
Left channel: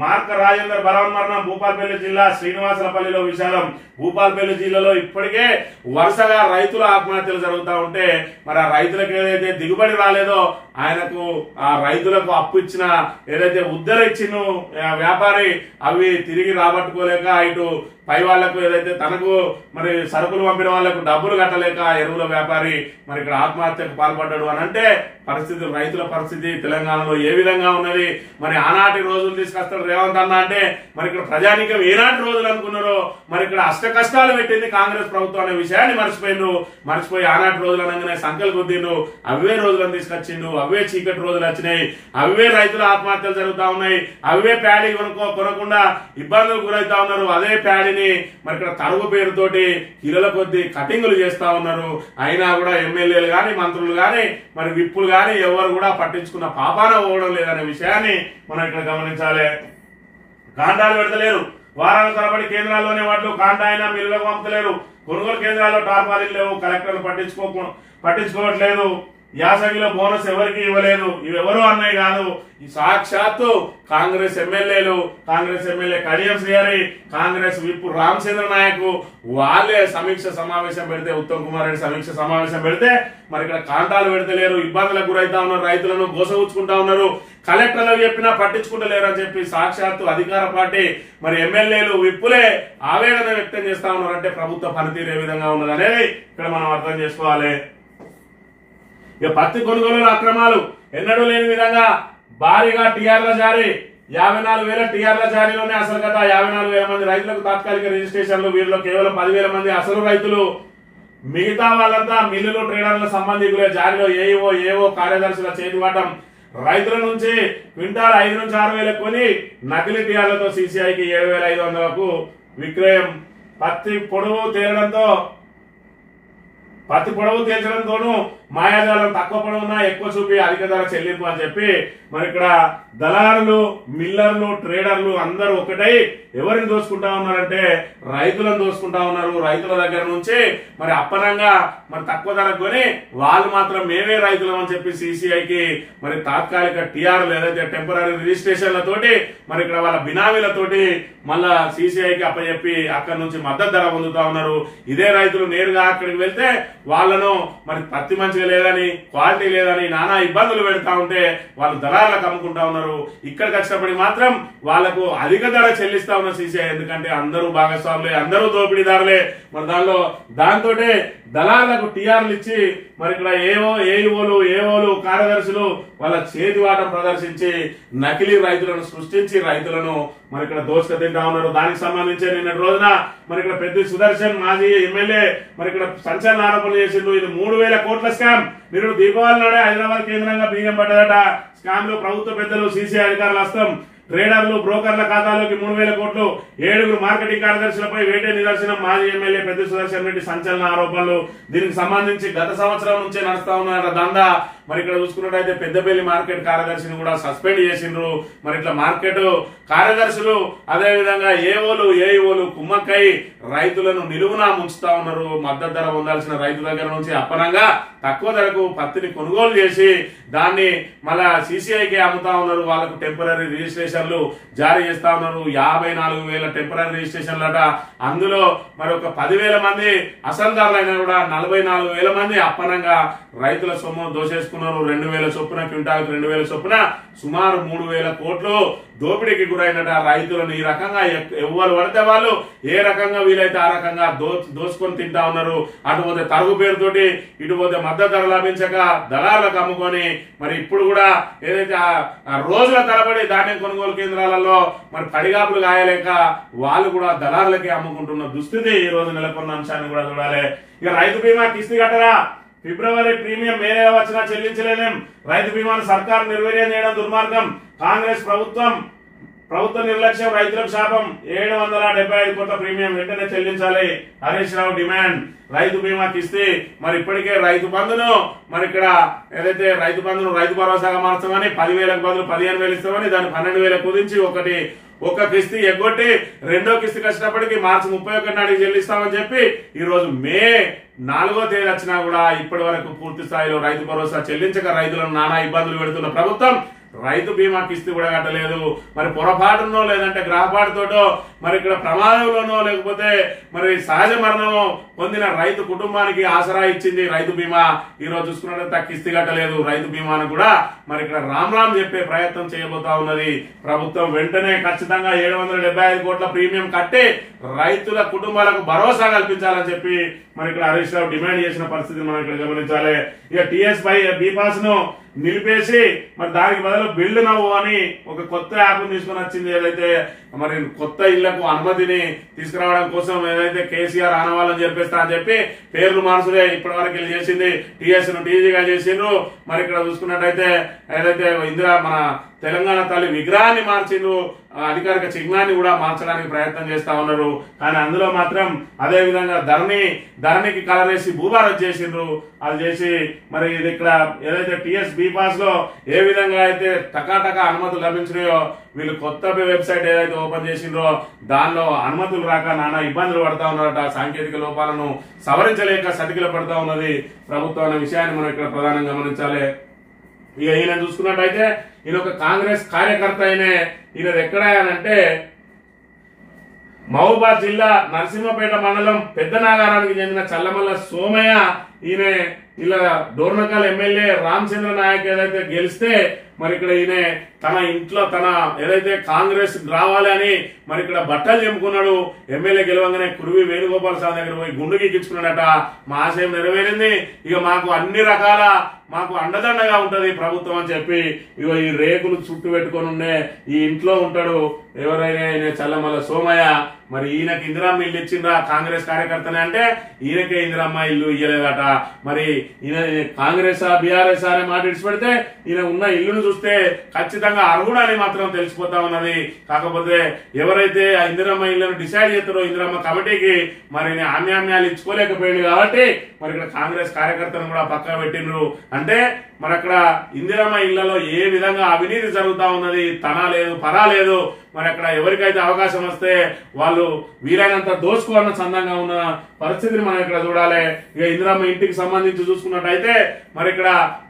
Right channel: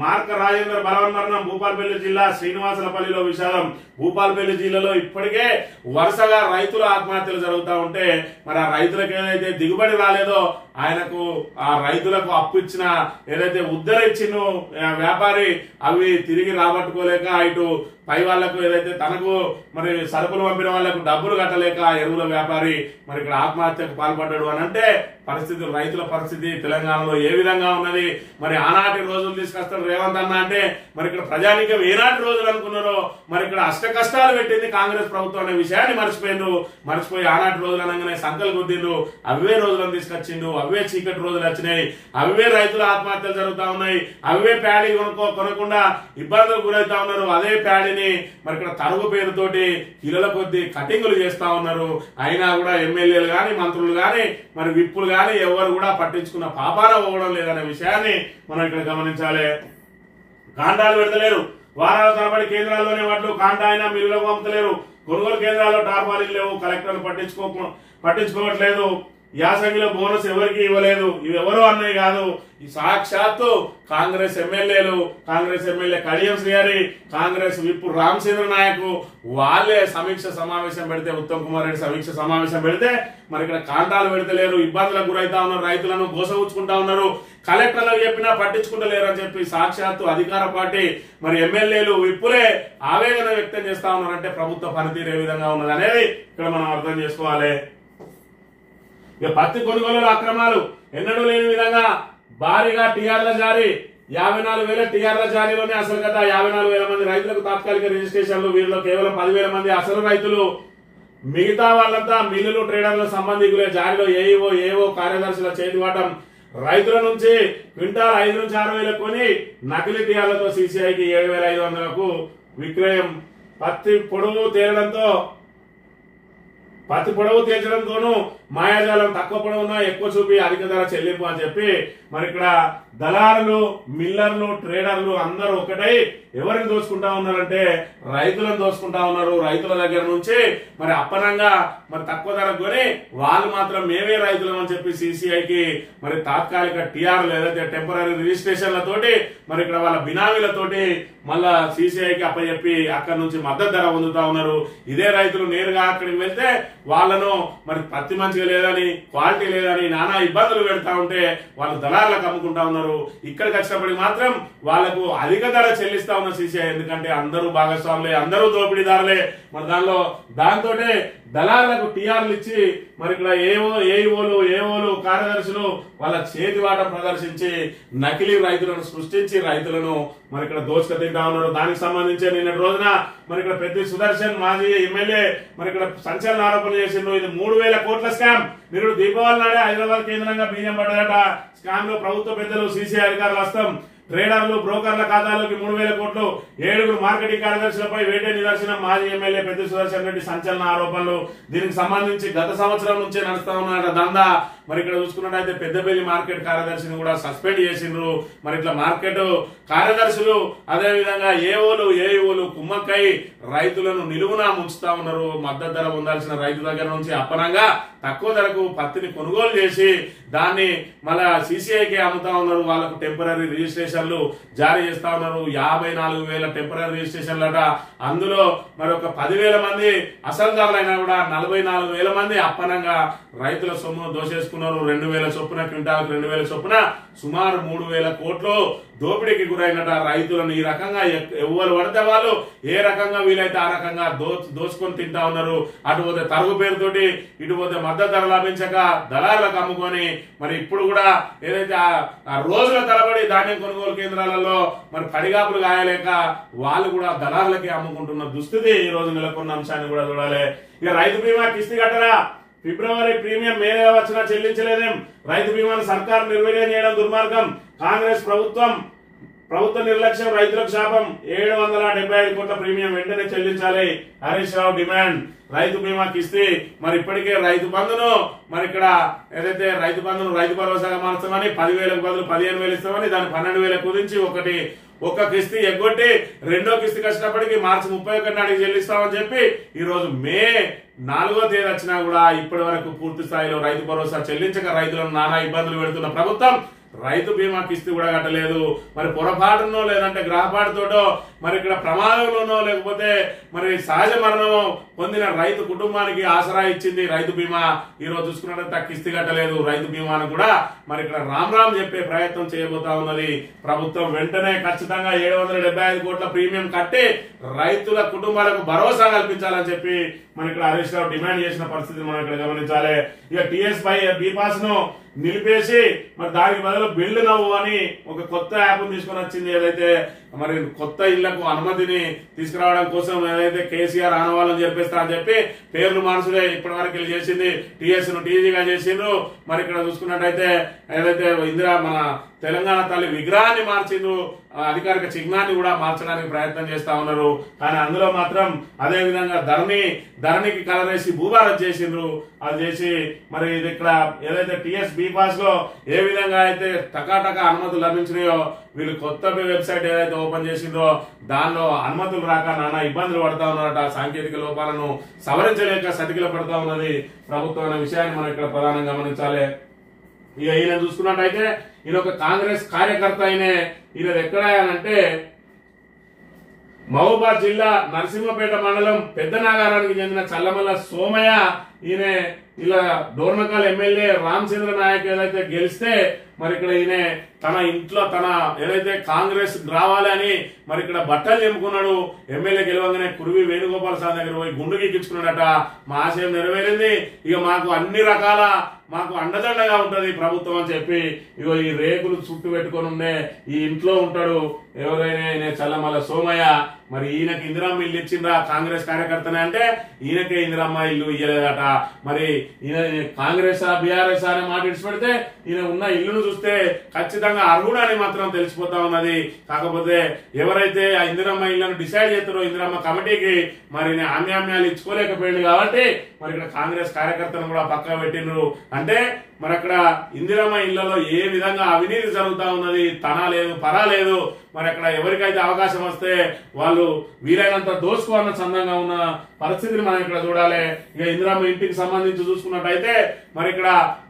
మార్క రాజేందర్ బలవన్మరణం. భూపాల్పల్లి జిల్లా శ్రీనివాసలపల్లిలో విషాదం. భూపాల్పల్లి జిల్లాలో ఇప్పటికే వరుసగా రైతుల ఆత్మహత్యలు జరుగుతూ ఉంటే మరి ఆ రైతులకు ఏదైతే దిగుబడి రాలేదో ఆయనకు ఆ రైతులకు అప్పు ఇచ్చిన ఏదైతే ఉద్దర ఇచ్చిన వ్యాపారి అవి తిరిగి రాబట్టుకోలేక ఇటు పై వాళ్లకు ఏదైతే తనకు మరి సరుకులు పంపిన వాళ్లకు డబ్బులు కట్టలేక ఎరువుల వ్యాపారి మరి ఇక్కడ ఆత్మహత్యకు పాల్పడ్డాడు అని అంటే పరిస్థితి, రైతుల పరిస్థితి తెలంగాణలో ఏ విధంగా ఉన్నది? మరి ఆనాటి రోజులు తీసుకొస్తాడు రేవంత్ అన్న అంటే మరి ఇక్కడ ప్రజానీకం ఏనాటి రోజులు అనుకున్నారో మరి ఇక్కడ అష్ట కష్టాలు పెట్టింది కాంగ్రెస్ ప్రభుత్వం అనే విషయాన్ని మర్చిపోయి ఆనాటి రోజులు అనగానే సంకల్ గుద్దిండు. అవే రోజులను తీసుకొచ్చిండు, అవే చీకటి రోజులు వచ్చినాయి, అవే రైతుల ఆత్మహత్యలు జరుగుతా ఉన్నాయి, అవే ప్యాడీ కొనకుండా ఇబ్బందులకు గురవుతా ఉన్నారు. అదే ప్యాడీని మరి ఇక్కడ తరుగు పేరుతోటి కిలోల కొద్ది కటింగులు చేస్తా ఉన్నారు. అయినా కూడా ఎమ్మెల్యేలు గాని, మంత్రులు గాని, మరి విప్పులు గాని ఎవరు కూడా పట్టించుకున్న పాపాన పోవడం లేదనే విషయాన్ని మనం ఇక్కడ గమనించాలి. కాంటాలు పెడతలేరు. వారాల తరబడి కేంద్రాల్లోనే వడ్లు కాంటా అయినా మిల్లులకు పంపుతలేరు. కొనుగోలు కేంద్రాల్లో టార్పాలీలు లేవు. కలెక్టర్లు పట్టించుకోవట్లేదు. యాసంగిలో బోనస్ ఎవరికి ఇవ్వలేదు. ఇవి ఎవరో అన్నవి కాదు, ఈ సాక్షాత్తు కాంగ్రెస్ ఎమ్మెల్యేలు, కాంగ్రెస్ ఎమ్మెల్యే కడియం శ్రీహరి, కాంగ్రెస్ విప్ రామచంద్ర నాయక్ వాళ్ళే సమీక్ష సమావేశం పెడితే, ఉత్తమ్ కుమార్ రెడ్డి సమీక్ష సమావేశం పెడితే మరి ఇక్కడ కాంటాలు పెడతలేరు, ఇబ్బందులకు గురైతా ఉన్నారు, రైతులను గోసగుచ్చుకుంటా ఉన్నారు, కలెక్టర్లకు చెప్పినా పట్టించుకుంటలేరు అని చెప్పి సాక్షాత్తు అధికార పార్టీ మరి ఎమ్మెల్యేలు విప్పులే ఆవేదన వ్యక్తం చేస్తా ఉన్నారు. అంటే ప్రభుత్వ పనితీరు ఏ విధంగా ఉన్నది అనేది ఇక్కడ మనం అర్థం చేసుకోవాలి. ఇక పత్తి కొనుగోలు అక్రమాలు ఎన్నడూ లేని విధంగా భారీగా టీఆర్ల జారీ, 54,000 టీఆర్ల జారీలోనే అసలు గత 54,000 మంది రైతులకు తాత్కాలిక రిజిస్ట్రేషన్లు, వీరిలో కేవలం 10,000 మంది అసలు రైతులు, మిగతా వాళ్ళంతా మిల్లులు ట్రేడర్ల సంబంధికులే. జారీలో ఏఓ కార్యదర్శుల చేతివాటం. రైతుల నుంచి క్వింటాల్ 5 నుంచి 6 వేలకు కొని నకిలీ టీఆర్లతో సీసీఐకి 7,500కు విక్రయం. పత్తి పొడవు తేల్చడంతోనూ మాయాజాలం తక్కువ పొడవున్నా ఎక్కువ చూపి అధిక ధర చెల్లింపు అని చెప్పి మరి ఇక్కడ దళారులు, మిల్లర్లు, ట్రేడర్లు అందరూ ఒకటై ఎవరిని దోచుకుంటా ఉన్నారంటే రైతులను దోచుకుంటా ఉన్నారు. రైతుల దగ్గర నుంచి మరి అప్పనంగా మరి తక్కువ ధరకు కొని వాళ్ళు మాత్రం మేమే రైతులం అని చెప్పి సీసీఐకి మరి తాత్కాలిక టీఆర్లు ఏదైతే టెంపరీ రిజిస్ట్రేషన్లతోటి మరి ఇక్కడ వాళ్ళ బినామీలతోటి మళ్ళా సీసీఐకి అప్పచెప్పి అక్కడ నుంచి మద్దతు ధర పొందుతా ఉన్నారు. ఇదే రైతులు నేరుగా అక్కడికి వెళ్తే వాళ్ళను మరి పత్తి మంచిగా లేదని, క్వాలిటీ లేదని నానా ఇబ్బందులు పెడతా ఉంటే వాళ్ళు దళారులకు అమ్ముకుంటా ఉన్నారు. ఇక్కడికి వచ్చినప్పటికి మాత్రం వాళ్లకు అధిక ధర చెల్లిస్తా ఉన్న సీసీఐ. ఎందుకంటే అందరూ భాగస్వాములే, అందరూ దోపిడీదారులే. మరి దాంతో దళారులకు టీఆర్లు ఇచ్చి మరి ఇక్కడ ఏఓలు కార్యదర్శులు వాళ్ళ చేతివాటం ప్రదర్శించి నకిలీ రైతులను సృష్టించి రైతులను మరి ఇక్కడ దోచుక తింటా ఉన్నారు. దానికి సంబంధించి నిన్నటి రోజున మరి ఇక్కడ పెద్ద సుదర్శన్ మాజీ ఎమ్మెల్యే మరి ఇక్కడ సంచలన ఆరోపణలు చేసిండ్రు. ఇది 3,000 కోట్ల స్కామ్. నిరుడు దీపావళి నాడే హైదరాబాద్ కేంద్రంగా బీజం పడ్డదట. స్కామ్ లో ప్రభుత్వ పెద్దలు, సీసీఐ అధికారుల హస్తం. ట్రేడర్లు, బ్రోకర్ల ఖాతాలోకి 3,000 కోట్లు. 7 మార్కెటింగ్ కార్యదర్శులపై వేటే నిదర్శనం. మాజీ ఎమ్మెల్యే పెద్ద సుదర్శన్ రెడ్డి సంచలన ఆరోపణలు. దీనికి సంబంధించి గత సంవత్సరం నుంచే నడుస్తా ఉన్న దందా. మరి ఇక్కడ చూసుకున్నట్టయితే పెద్దపల్లి మార్కెట్ కార్యదర్శిని కూడా సస్పెండ్ చేసిండ్రు. మరి ఇట్లా మార్కెట్ కార్యదర్శులు అదేవిధంగా ఏఓలు కుమ్మక్కై రైతులను నిలువునా ముంచుతా ఉన్నారు. మద్దతు ధర పొందాల్సిన రైతు దగ్గర నుంచి అప్పనంగా తక్కువ ధరకు పత్తిని కొనుగోలు చేసి దాన్ని మళ్ళా సీసీఐకి అమ్ముతా ఉన్నారు. వాళ్ళకు టెంపరీ రిజిస్ట్రేషన్లు జారీ చేస్తా ఉన్నారు. 54,000 టెంపరీ రిజిస్ట్రేషన్లట. అందులో మరి ఒక 10,000 మంది అసలుదారులైనా కూడా 44,000 మంది అప్పనంగా రైతుల సొమ్ము దోచేసుకున్నారు. 2,000 చొప్పున, క్వింటాల్కి 2,000 చొప్పున సుమారు 3,000 కోట్లు దోపిడీకి గురైనట. రైతులను ఈ రకంగా ఎవరు పడితే వాళ్ళు ఏ రకంగా వీలైతే ఆ రకంగా దోచుకొని తింటా ఉన్నారు. అటుపోతే తరుగు పేరుతోటి, ఇటుపోతే మద్దతు ధర లభించక దళారులకు అమ్ముకొని మరి ఇప్పుడు కూడా ఏదైతే ఆ రోజుల తరబడి ధాన్యం కొనుగోలు కేంద్రాలలో మరి పడిగాపులు కాయలేక వాళ్ళు కూడా దళారులకి అమ్ముకుంటున్న దుస్థితి ఈ రోజు నెలకొన్న అంశాన్ని కూడా చూడాలి. ఇక రైతు బీమా కిస్తీ కట్టరా, ఫిబ్రవరి ప్రీమియం మే నెల వచ్చినా చెల్లించలేదేం. రైతు బీమాను సర్కారు నిర్వీర్యం చేయడం దుర్మార్గం. కాంగ్రెస్ ప్రభుత్వ నిర్లక్ష్యం రైతులకు శాపం. 775 కోట్ల ప్రీమియం వెంటనే చెల్లించాలి హరీష్ రావు డిమాండ్. రైతు బీమా కిస్తీ మరి ఇప్పటికే రైతు బంధును మరి ఇక్కడ ఏదైతే రైతు బంధును రైతు భరోసాగా మార్చామని 10,000కు బదులు 15,000 ఇస్తామని దాన్ని 12,000 కుదించి ఒక కిస్తీ ఎగ్గొట్టి రెండో కిస్తీకి వచ్చినప్పటికీ మార్చి 31 నాటికి చెల్లిస్తామని చెప్పి ఈ రోజు మే 4వ తేదీ వచ్చినా కూడా ఇప్పటి వరకు పూర్తి స్థాయిలో రైతు భరోసా చెల్లించక రైతులను నానా ఇబ్బందులు పెడుతున్న ప్రభుత్వం రైతు బీమా కిస్తీ కూడా కట్టలేదు. మరి పొరపాటునో లేదంటే గ్రహపాటుతోటో మరి ఇక్కడ ప్రమాదంలోనో లేకపోతే మరి సహజ మరణమో పొందిన రైతు కుటుంబానికి ఆసరా ఇచ్చింది రైతు బీమా. ఈ రోజు చూసుకున్నట్లయితే కిస్తీ కట్టలేదు. రైతు బీమాను కూడా మరి ఇక్కడ రామ్ చెప్పే ప్రయత్నం చేయబోతా ఉన్నది ప్రభుత్వం. వెంటనే ఖచ్చితంగా 775 కోట్ల ప్రీమియం కట్టి రైతుల కుటుంబాలకు భరోసా కల్పించాలని చెప్పి మరి ఇక్కడ హరీష్ రావు డిమాండ్ చేసిన పరిస్థితి మనం ఇక్కడ గమనించాలి. ఇక టీఎస్ బీపాస్ ను నిలిపేసి మరి దానికి బదులు బిల్డ్ నవ్వు అని ఒక కొత్త యాప్ తీసుకుని వచ్చింది. ఏదైతే మరి కొత్త ఇళ్లకు అనుమతిని తీసుకురావడం కోసం ఏదైతే కేసీఆర్ ఆనవాళ్ళని చెప్పేస్తా అని చెప్పి పేర్లు మార్చుడే ఇప్పటి వరకు చేసింది. టీఎస్ ను టీజీగా చేసిండ్రు. మరి ఇక్కడ చూసుకున్నట్టయితే ఏదైతే మన తెలంగాణ తల్లి విగ్రహాన్ని మార్చిండ్రు, అధికారిక చిహ్నాన్ని కూడా మార్చడానికి ప్రయత్నం చేస్తా ఉన్నారు. కానీ అందులో మాత్రం అదే విధంగా ధరణికి కలరేసి భూభారత్ చేసిండ్రు. అది చేసి మరి ఇది ఇక్కడ ఏదైతే టిఎస్ బి పాస్ లో ఏ విధంగా అయితే టకాటకా అనుమతులు లభించినాయో వీళ్ళు కొత్త వెబ్సైట్ ఏదైతే ఓపెన్ చేసిండ్రో దానిలో అనుమతులు రాక నానా ఇబ్బందులు పడతా ఉన్నారట. సాంకేతిక లోపాలను సవరించలేక సతికిల పడతా ఉన్నది ప్రభుత్వం అనే విషయాన్ని మనం ఇక్కడ ప్రధానంగా గమనించాలి. ఇక ఈయన చూసుకున్నట్టయితే ఈయన ఒక కాంగ్రెస్ కార్యకర్త ఈయన ఎక్కడ అంటే మహబూబాద్ జిల్లా నరసింహపేట మండలం పెద్ద నాగారానికి చెందిన చల్లమల్ల సోమయ్య. ఈయన ఇలా డోర్నకల్ ఎమ్మెల్యే రామచంద్ర నాయక్ ఏదైతే గెలిస్తే మరి ఇక్కడ ఈయన తన ఇంట్లో తన ఏదైతే కాంగ్రెస్ రావాలి అని మరి ఇక్కడ బట్టలు చెప్పుకున్నాడు. ఎమ్మెల్యే గెలవంగానే కురువి వేణుగోపాల్ స్వామి దగ్గర పోయి గుండు గీకించుకున్నాడట. మా ఆశయం నెరవేరింది, ఇక మాకు అన్ని రకాల మాకు అండదండగా ఉంటది ప్రభుత్వం అని చెప్పి ఇగో ఈ రేకులు చుట్టు పెట్టుకొని ఉండే ఈ ఇంట్లో ఉంటాడు ఎవరైనా చల్లమల్ల సోమయ్య. మరి ఈయనకి ఇందిరమ్మ ఇల్లు ఇచ్చిండ్రా కాంగ్రెస్ కార్యకర్తనే అంటే ఈయనకే ఇందిరమ్మ ఇల్లు ఇయ్యలేదట. మరి ఈయన కాంగ్రెస్ బీఆర్ఎస్ అనే మాట ఇడిచిపెడితే ఈయన ఉన్న ఇల్లును చూస్తే ఖచ్చితంగా అర్హుడు అని మాత్రం తెలిసిపోతా ఉన్నది. కాకపోతే ఎవరైతే ఆ ఇందిరమ్మ ఇళ్లను డిసైడ్ చేస్తారో ఇందిరమ్మ కమిటీకి మరి ఆమ్యామ్యాలు ఇచ్చుకోలేకపోయింది కాబట్టి మరి ఇక్కడ కాంగ్రెస్ కార్యకర్తను కూడా పక్కన పెట్టిండ్రు. అంటే మరి అక్కడ ఇందిరమ్మ ఇళ్లలో ఏ విధంగా అవినీతి జరుగుతా ఉన్నది, తన లేదు పరా లేదు. మరి అక్కడ ఎవరికైతే అవకాశం వస్తే వాళ్ళు వీలైనంత దోచుకోవాలని సందంగా ఉన్న పరిస్థితిని మనం ఇక్కడ చూడాలి. ఇక ఇందిరమ్మ ఇంటికి సంబంధించి చూసుకున్నట్టయితే మరి ఇక్కడ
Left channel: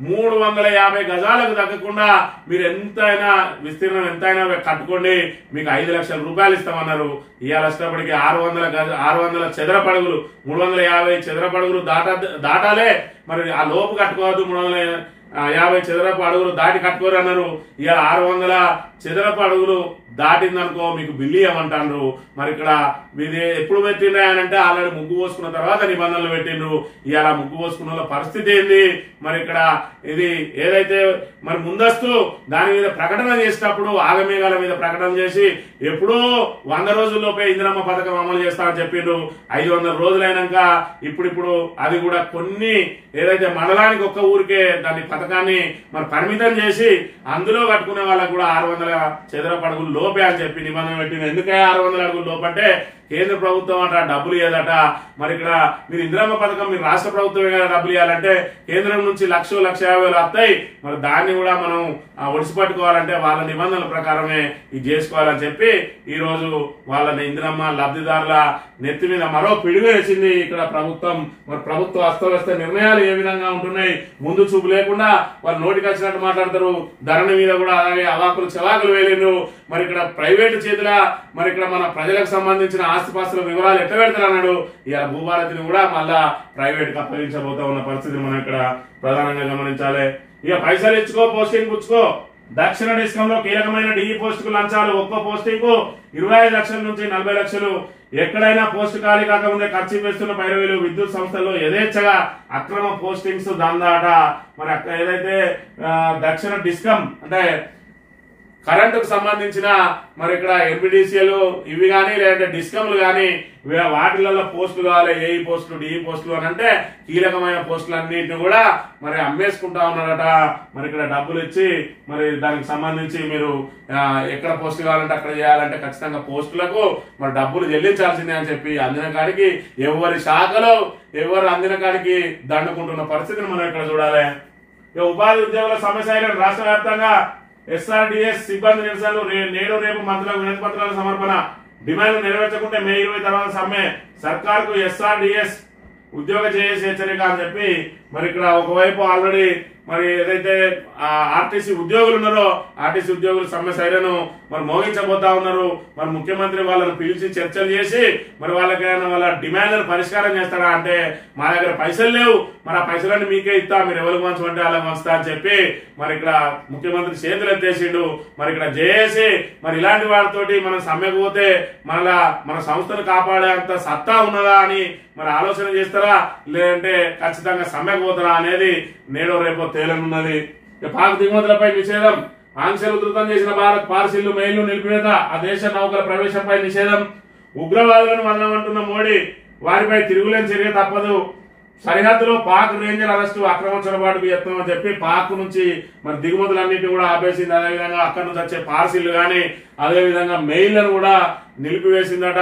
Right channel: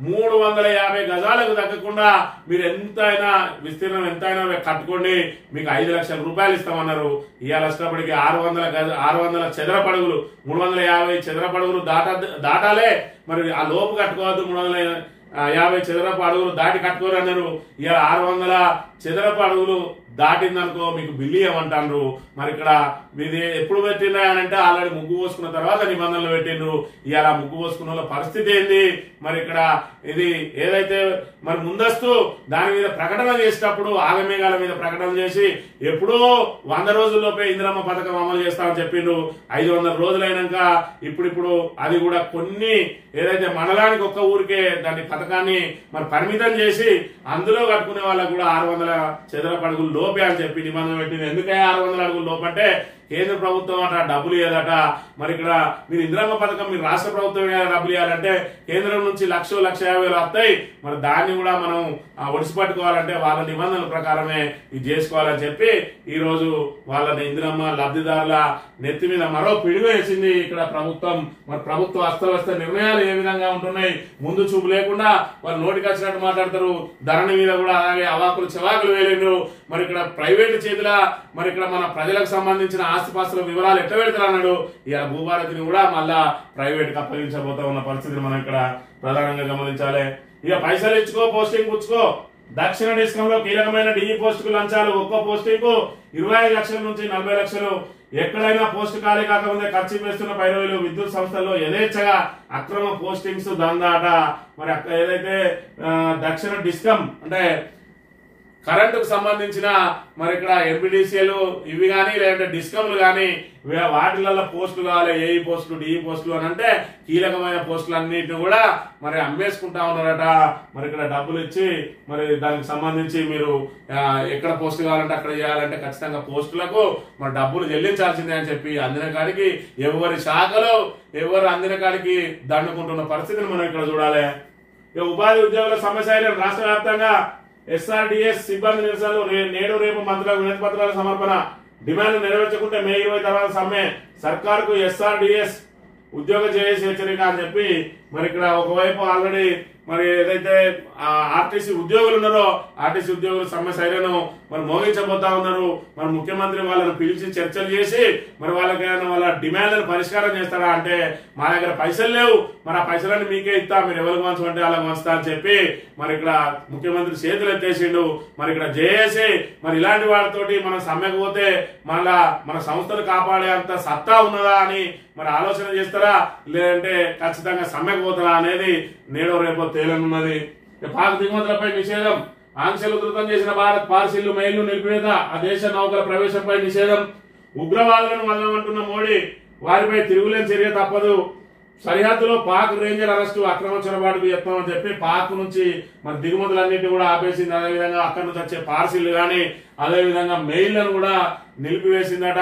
350 గజాలకు తగ్గకుండా మీరు ఎంతైనా విస్తీర్ణం ఎంతైనా కట్టుకోండి, మీకు 5 లక్షల రూపాయలు ఇస్తామన్నారు. ఇవాళ ఇష్టపడికి 600 చదరపడుగులు 350 చదరపడుగులు దాటాలే. మరి ఆ లోపు కట్టుకోవద్దు, 350 చదరపు అడుగులు దాటి కట్టుకోరు అన్నారు. ఇవాళ 600 చదరపు అడుగులు దాటిందనుకో మీకు బిల్లు ఇవ్వమంటారు. మరి ఇక్కడ ఇది ఎప్పుడు పెట్టినాయనంటే ఆల్రెడీ ముగ్గు పోసుకున్న తర్వాత నిబంధనలు పెట్టిండ్రు. ఇవాళ ముగ్గు పోసుకున్న పరిస్థితి ఏంది? మరి ఇక్కడ ఇది ఏదైతే మరి ముందస్తు దాని మీద ప్రకటన చేసేటప్పుడు ఆగమేఘాల మీద ప్రకటన చేసి ఎప్పుడో 100 రోజుల్లోపే ఇందిరమ్మ పథకం అమలు చేస్తామని చెప్పిండ్రు. 500 రోజులైనాక ఇప్పుడు అది కూడా కొన్ని ఏదైతే మండలానికి ఒక్క ఊరికే దాని పథకాన్ని మరి పరిమితం చేసి అందులో కట్టుకునే వాళ్ళకు కూడా 600 చదరపు అడుగులు లోపే అని చెప్పి నిబంధన పెట్టింది. ఎందుకే 600 అడుగులు లోపంటే కేంద్ర ప్రభుత్వం అట డబ్బులు ఇవ్వదట. మరి ఇక్కడ మీరు ఇందిరమ్మ పథకం మీరు రాష్ట్ర ప్రభుత్వం డబ్బులు ఇవ్వాలంటే కేంద్రం నుంచి 1,50,000 వస్తాయి. మరి దాన్ని కూడా మనం ఒడిసి పట్టుకోవాలంటే వాళ్ళ నిబంధనల ప్రకారమే ఇది చేసుకోవాలని చెప్పి ఈ రోజు వాళ్ళ ఇందిరమ్మ లబ్ధిదారుల నెత్తి మీద మరో పిడుగు వేసింది ఇక్కడ ప్రభుత్వం. మరి ప్రభుత్వ అస్తవ్యస్త నిర్ణయాలు ఏ విధంగా ఉంటున్నాయి, ముందు చూపు లేకుండా వాళ్ళు నోటికి వచ్చినట్టు మాట్లాడతారు. ధరణి మీద కూడా అలాగే అవాకులు చెవాకులు వేలేరు. మరి ఇక్కడ ప్రైవేటు చేతుల మరి ఇక్కడ మన ప్రజలకు సంబంధించిన ఆస్తిపాస్తుల వివరాలు ఎట్లా పెడతారన్నాడు. ఇక భూభారతిని కూడా మళ్ళా ప్రైవేట్ కి అప్పగించబోతా ఉన్న పరిస్థితిని మనం ఇక్కడ ప్రధానంగా గమనించాలి. ఇక పైసలు ఇచ్చుకో పోస్టింగ్ పుచ్చుకో. దక్షిణ డిస్కం లో కీలకమైన డిఈ పోస్టుకు లంచాలు. ఒక్కో పోస్టింగ్ కు 25 లక్షల నుంచి 40 లక్షలు. ఎక్కడైనా పోస్టు ఖాళీ కాకముందే ఖర్చు వేస్తున్న పైరవీలు. విద్యుత్ సంస్థల్లో యథేచ్ఛగా అక్రమ పోస్టింగ్స్ దందాట. మరి ఏదైతే దక్షిణ డిస్కం అంటే కరెంటుకు సంబంధించిన మరి ఇక్కడ ఎంపీడీసీలు ఇవి కానీ లేదంటే డిస్కమ్లు కానీ వాటిలలో పోస్టులు కావాలి, ఏఈ పోస్టులు డిఈ పోస్టులు అని అంటే కీలకమైన పోస్టులు అన్నింటినీ కూడా మరి అమ్మేసుకుంటా ఉన్నారట. మరి ఇక్కడ డబ్బులు ఇచ్చి మరి దానికి సంబంధించి మీరు ఎక్కడ పోస్టు కావాలంటే అక్కడ చేయాలంటే ఖచ్చితంగా పోస్టులకు మరి డబ్బులు చెల్లించాల్సిందే అని చెప్పి అందిన కాడికి ఎవరి శాఖలో ఎవరు అందిన కాడికి దండుకుంటున్న పరిస్థితిని మనం ఇక్కడ చూడాలి. ఉపాధి ఉద్యోగుల సమస్య రాష్ట్ర వ్యాప్తంగా ఎస్ఆర్డిఎస్ సిబ్బంది నిరసనలు. నేడు రేపు మంత్రులకు వినతి పత్రాల సమర్పణ. డిమాండ్లు నెరవేర్చకుంటే మే 20 తర్వాత సమ్మె. సర్కార్కు ఎస్ఆర్డిఎస్ ఉద్యోగ చేసి హెచ్చరిక అని చెప్పి మరి ఇక్కడ ఒకవైపు ఆల్రెడీ మరి ఏదైతే ఆర్టీసీ ఉద్యోగులు ఉన్నారో ఆర్టీసీ ఉద్యోగులు సమ్మె సైరను మరి మోగించబోతా ఉన్నారు. మరి ముఖ్యమంత్రి వాళ్ళను పిలిచి చర్చలు చేసి మరి వాళ్ళకైనా వాళ్ళ డిమాండ్లను పరిష్కారం చేస్తారా అంటే మా దగ్గర పైసలు లేవు, మరి ఆ పైసలన్నీ మీకే ఇస్తా, మీరు ఎవరికి వంచమంటే వాళ్ళకి వంచుతా అని చెప్పి మరి ఇక్కడ ముఖ్యమంత్రి చేతులు ఎత్తేసిండు. మరి ఇక్కడ జేఏసీ మరి ఇలాంటి వాటితోటి మనం సమ్మెకు పోతే మళ్ళా మన సంస్థను కాపాడే అంత సత్తా ఉన్నదా అని మరి ఆలోచన చేస్తారా, లేదంటే ఖచ్చితంగా సమ్మెకు పోతారా అనేది నేడో రేపో తేలనున్నది. పాక్ దిగుమతులపై నిషేధం. ఆంక్షలు ఉధృతం చేసిన భారత్ పార్సిళ్లు మెయిల్ను నిలిపివేత. ఆ దేశ నౌకల ప్రవేశంపై నిషేధం. ఉగ్రవాదులను వదలమంటున్న మోడీ, వారిపై తిరుగులేని చర్య తప్పదు. సరిహద్దులో పాక్ రేంజర్ అరెస్టు అక్రమ చొరబాటుకు యత్నం అని చెప్పి పాక్ నుంచి మరి దిగుమతులన్నింటి కూడా ఆపేసింది. అదేవిధంగా అక్కడి నుంచి వచ్చే పార్సిల్ గాని అదేవిధంగా మెయిల్లను కూడా నిలిపివేసిందట.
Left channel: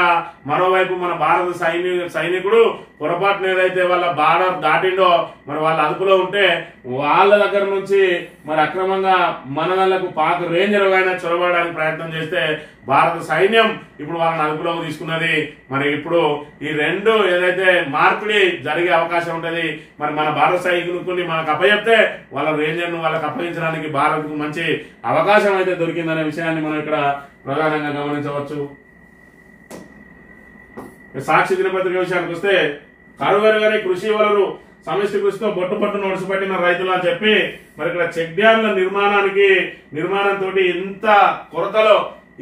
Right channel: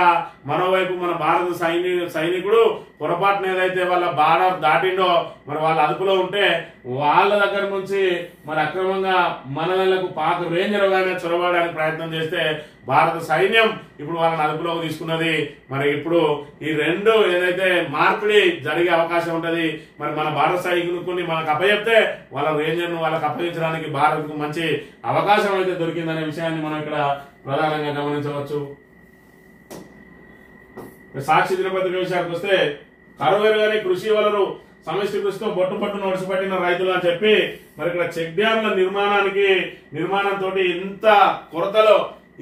మరోవైపు మన భారత సైనికుడు పొరపాటున ఏదైతే వాళ్ళ బార్డర్ దాటిండో మరి వాళ్ళ అదుపులో ఉంటే వాళ్ళ దగ్గర నుంచి మరి అక్రమంగా మనలకు పాక్ రేంజర్ అయినా చొరబడడానికి ప్రయత్నం చేస్తే భారత సైన్యం ఇప్పుడు వాళ్ళని అదుపులోకి తీసుకున్నది. మరి ఇప్పుడు ఈ రెండు ఏదైతే మార్పిడి జరిగే అవకాశం ఉంటది. మరి మన భారత సైనికుని మనకు అప్పచెప్తే వాళ్ళ రేంజర్ ను వాళ్ళకి అప్పగించడానికి భారత్ కు మంచి అవకాశం అయితే దొరికిందనే విషయాన్ని మనం ఇక్కడ ప్రధానంగా గమనించవచ్చు. సాక్షి దినపత్రిక విషయానికి వస్తే కరువెరుగని కృషి వలరు సమిష్టి కృషితో బొట్టు నొడిసిపట్టిన రైతులు అని చెప్పి మరి ఇక్కడ చెక్ డ్యాంల నిర్మాణంతో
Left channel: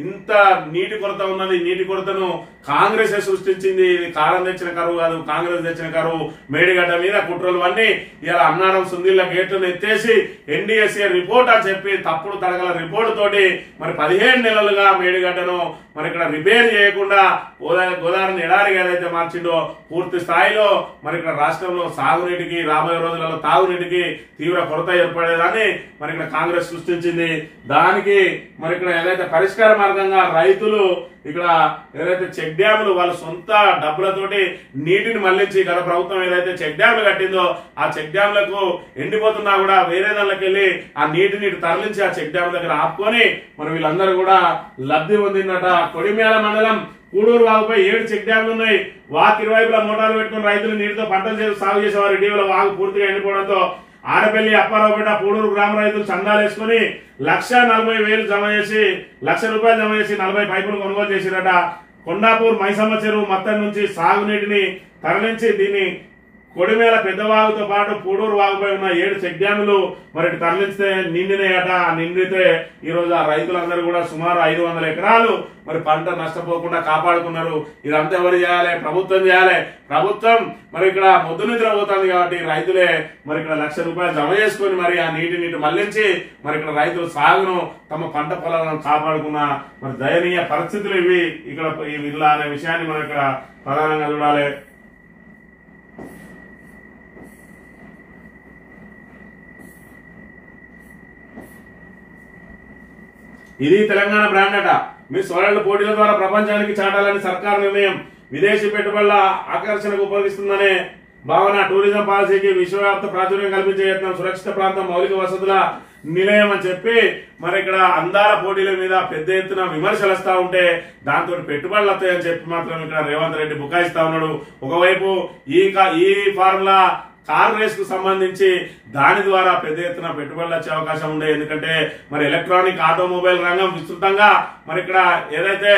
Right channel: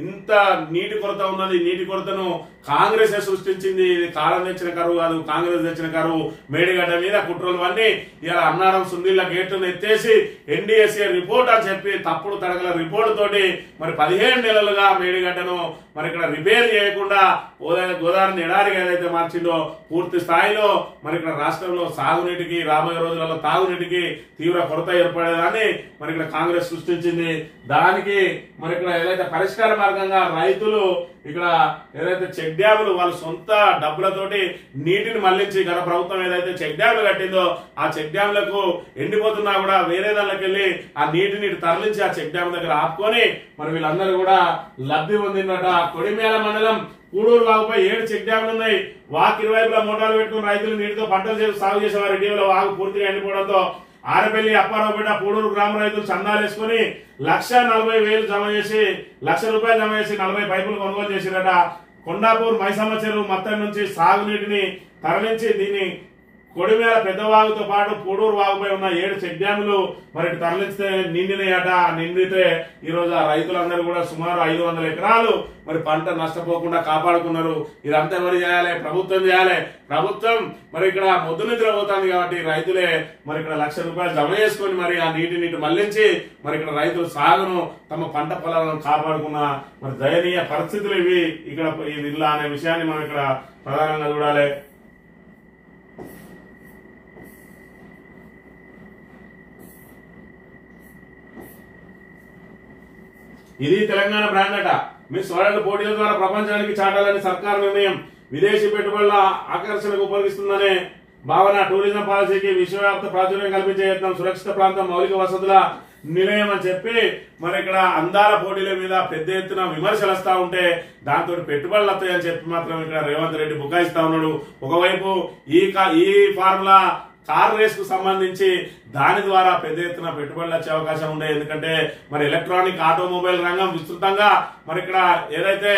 ఇంత నీటి కొరత ఉన్నది. నీటి కొరతను కాంగ్రెస్ సృష్టించింది. ఇది కాలం తెచ్చిన కరువు కాదు, కాంగ్రెస్ తెచ్చిన కరువు. మేడిగడ్డ మీద కుట్రలు అన్ని ఇలా అన్నారం సుందిళ్ల గేట్లను ఎత్తేసి ఎన్డీఎస్ఏ రిపోర్ట్ అని చెప్పి తప్పుడు తడగల రిపోర్టు తోటి మరి 17 నెలలుగా మేడిగడ్డను మరి ఇక్కడ రిపేర్ చేయకుండా గోదావరిని ఎడారిగా ఏదైతే మార్చిండో పూర్తి స్థాయిలో మరి ఇక్కడ రాష్ట్రంలో సాగునీటికి రాబోయే రోజులలో తాగునీటికి తీవ్ర కొరత ఏర్పడేదాన్ని మరి ఇక్కడ కాంగ్రెస్ సృష్టించింది. దానికి మరి ఇక్కడ ఏదైతే పరిష్కార మార్గంగా రైతులు ఇక్కడ ఏదైతే చెక్ డ్యాములు వాళ్ళ సొంత డబ్బులతోటి నీటిని మళ్లించి గత ప్రభుత్వం ఏదైతే చెక్ డ్యాములు కట్టిందో ఆ చెక్ డ్యాములకు ఎండిపోతున్నా కూడా వేరే దానికి వెళ్ళి ఆ నీటిని తరలించి ఆ చెక్ డ్యామ్ దగ్గర ఆపుకొని మరి వీళ్ళందరూ కూడా లబ్ధి పొందిందట. కొడిమేల మండలం కూడూరు వాగుపై 7 చెక్ డ్యాములు ఉన్నాయి. వాకు ఇరువైపులా మోటార్లు పెట్టుకుని రైతులు నీటితో పంటలు సాగు చేసేవారు. ఇటీవల వాగు పూర్తిగా ఎండిపోవడంతో ఆరపల్లి అప్పారావుపేట పూడూరు గ్రామ రైతులు చందాలు వేసుకుని 1,40,000 జమ చేసి ₹1,00,000 జమ చేసి 40 పైపులు కొనుగోలు చేసిరట. కొండాపూర్ మైసమ్మ చెరువు మొత్తం నుంచి సాగునీటిని తరలించి దీన్ని కొడిమేల పెద్దవాగుతో పాటు పూడూరు వాగుపై ఉన్న 7 చెక్ డ్యాములు మరి తరలిస్తే నిండినాయట. నిండితే ఈ రోజు ఆ రైతులందరూ కూడా సుమారు 500 ఎకరాలు మరి పంట నష్టపోకుండా కాపాడుకున్నారు. ఇదంతా ఎవరు చేయాలి? ప్రభుత్వం చేయాలి. ప్రభుత్వం మరి ఇక్కడ మొద్దు నిద్ర పోతుంది కాబట్టి రైతులే మరి ఇక్కడ ₹1,00,000 జమ చేసుకుని మరి ఆ నీటి మళ్లించి మరి ఇక్కడ రైతులు సాగును తమ పంట పొలాలను కాపాడుకున్న మరి దయనీయ పరిస్థితులు ఇవి ఇక్కడ ఇలా అనే విషయాన్ని మనం ఇక్కడ ప్రధానంగా చూడాలి. ఇది తెలంగాణ బ్రాండ్ అట. మిస్ వరల్డ్ పోటీల ద్వారా ప్రపంచానికి చాటాలని సర్కార్ నిర్ణయం. విదేశీ పెట్టుబడుల ఆకర్షణకు ఉపయోగిస్తుందనే భావన. టూరిజం పాలసీకి విశ్వవ్యాప్త ప్రాచుర్యం కల్పించే యత్నం. సురక్షిత ప్రాంతం మౌలిక వసతుల నిలయం అని చెప్పి మరి ఇక్కడ అందాల పోటీల మీద పెద్ద ఎత్తున విమర్శలు వస్తా ఉంటే దాంతో పెట్టుబడులు వస్తాయని చెప్పి మాత్రం ఇక్కడ రేవంత్ రెడ్డి బుకాయిస్తా ఉన్నాడు. ఒకవైపు ఈ ఫార్ములా కార్ రేస్ కు సంబంధించి దాని ద్వారా పెద్ద ఎత్తున పెట్టుబడులు వచ్చే అవకాశం ఉండే. ఎందుకంటే మరి ఎలక్ట్రానిక్ ఆటోమొబైల్ రంగం విస్తృతంగా మరి ఇక్కడ ఏదైతే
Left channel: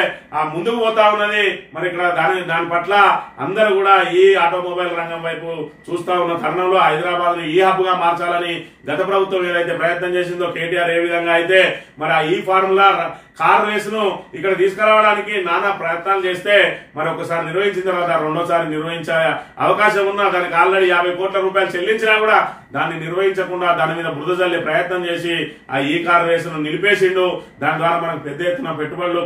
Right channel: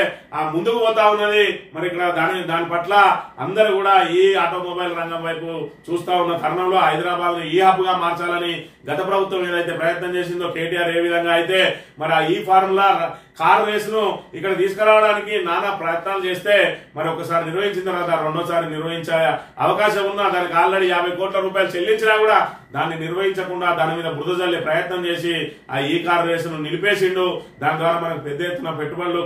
ముందుకు పోతా ఉన్నది మరి ఇక్కడ దాని పట్ల అందరూ కూడా ఈ ఆటోమొబైల్ రంగం వైపు చూస్తా ఉన్న తరుణంలో హైదరాబాద్ ను ఈ హబ్ గా మార్చాలని గత ప్రభుత్వం ఏదైతే ప్రయత్నం చేసిందో కేటీఆర్ ఏ విధంగా అయితే మరి ఈ ఫార్ములా కార్ రేస్ ను ఇక్కడ తీసుకురావడానికి నానా ప్రయత్నాలు చేస్తే మరి ఒకసారి నిర్వహించిన తర్వాత రెండోసారి నిర్వహించే అవకాశం ఉన్నా దానికి ఆల్రెడీ ₹50 కోట్ల చెల్లించినా కూడా దాన్ని నిర్వహించకుండా దాని మీద బురద జల్లే ప్రయత్నం చేసి ఆ ఈ కార్ రేసును నిలిపేసిండు. దాని ద్వారా మనకు పెద్ద ఎత్తున పెట్టుబడులు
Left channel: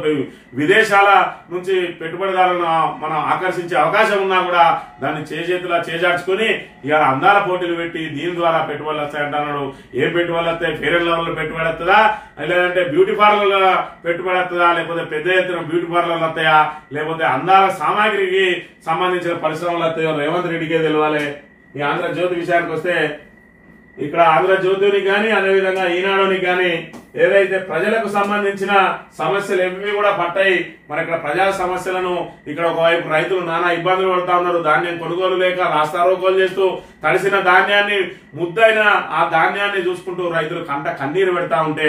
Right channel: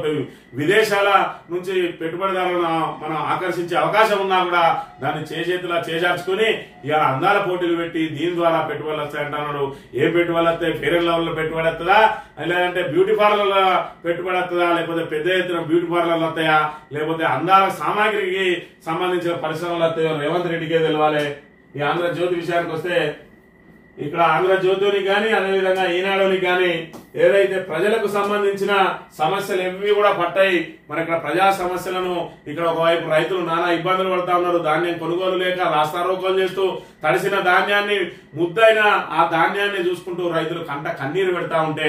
విదేశాల నుంచి పెట్టుబడిదారులను మనం ఆకర్షించే అవకాశం ఉన్నా కూడా దాన్ని చేతులా చేజార్చుకుని ఇవాళ అందాల పోటీలు పెట్టి దీని ద్వారా పెట్టుబడులు వస్తాయంటున్నాడు. ఏం పెట్టుబడులు వస్తాయి? ఫెయిర్ అండ్ లవ్లీలో పెట్టుబడి వస్తుందా, లేదంటే బ్యూటీ పార్లర్ల పెట్టుబడి వస్తుందా, లేకపోతే పెద్ద ఎత్తున బ్యూటీ పార్లర్లు వస్తాయా, లేకపోతే అందాల సామాగ్రికి సంబంధించిన పరిశ్రమలు వస్తాయో రేవంత్ రెడ్డికే తెలియాలి. ఈ ఆంధ్రజ్యోతి విషయానికి వస్తే ఇక్కడ ఆంధ్రజ్యోతిని కానీ అదేవిధంగా ఈనాడుని కానీ ఏదైతే ప్రజలకు సంబంధించిన సమస్యలు ఏవి కూడా పట్టాయి. మరి ఇక్కడ ప్రజా సమస్యలను ఇక్కడ ఒకవైపు రైతులు నానా ఇబ్బందులు పడుతా ఉన్నారు. ధాన్యం కొనుగోలు లేక రాస్తారోకోలు చేస్తూ తడిసిన ధాన్యాన్ని ముద్దైన ఆ ధాన్యాన్ని చూసుకుంటూ రైతులు కన్నీరు పెడతా ఉంటే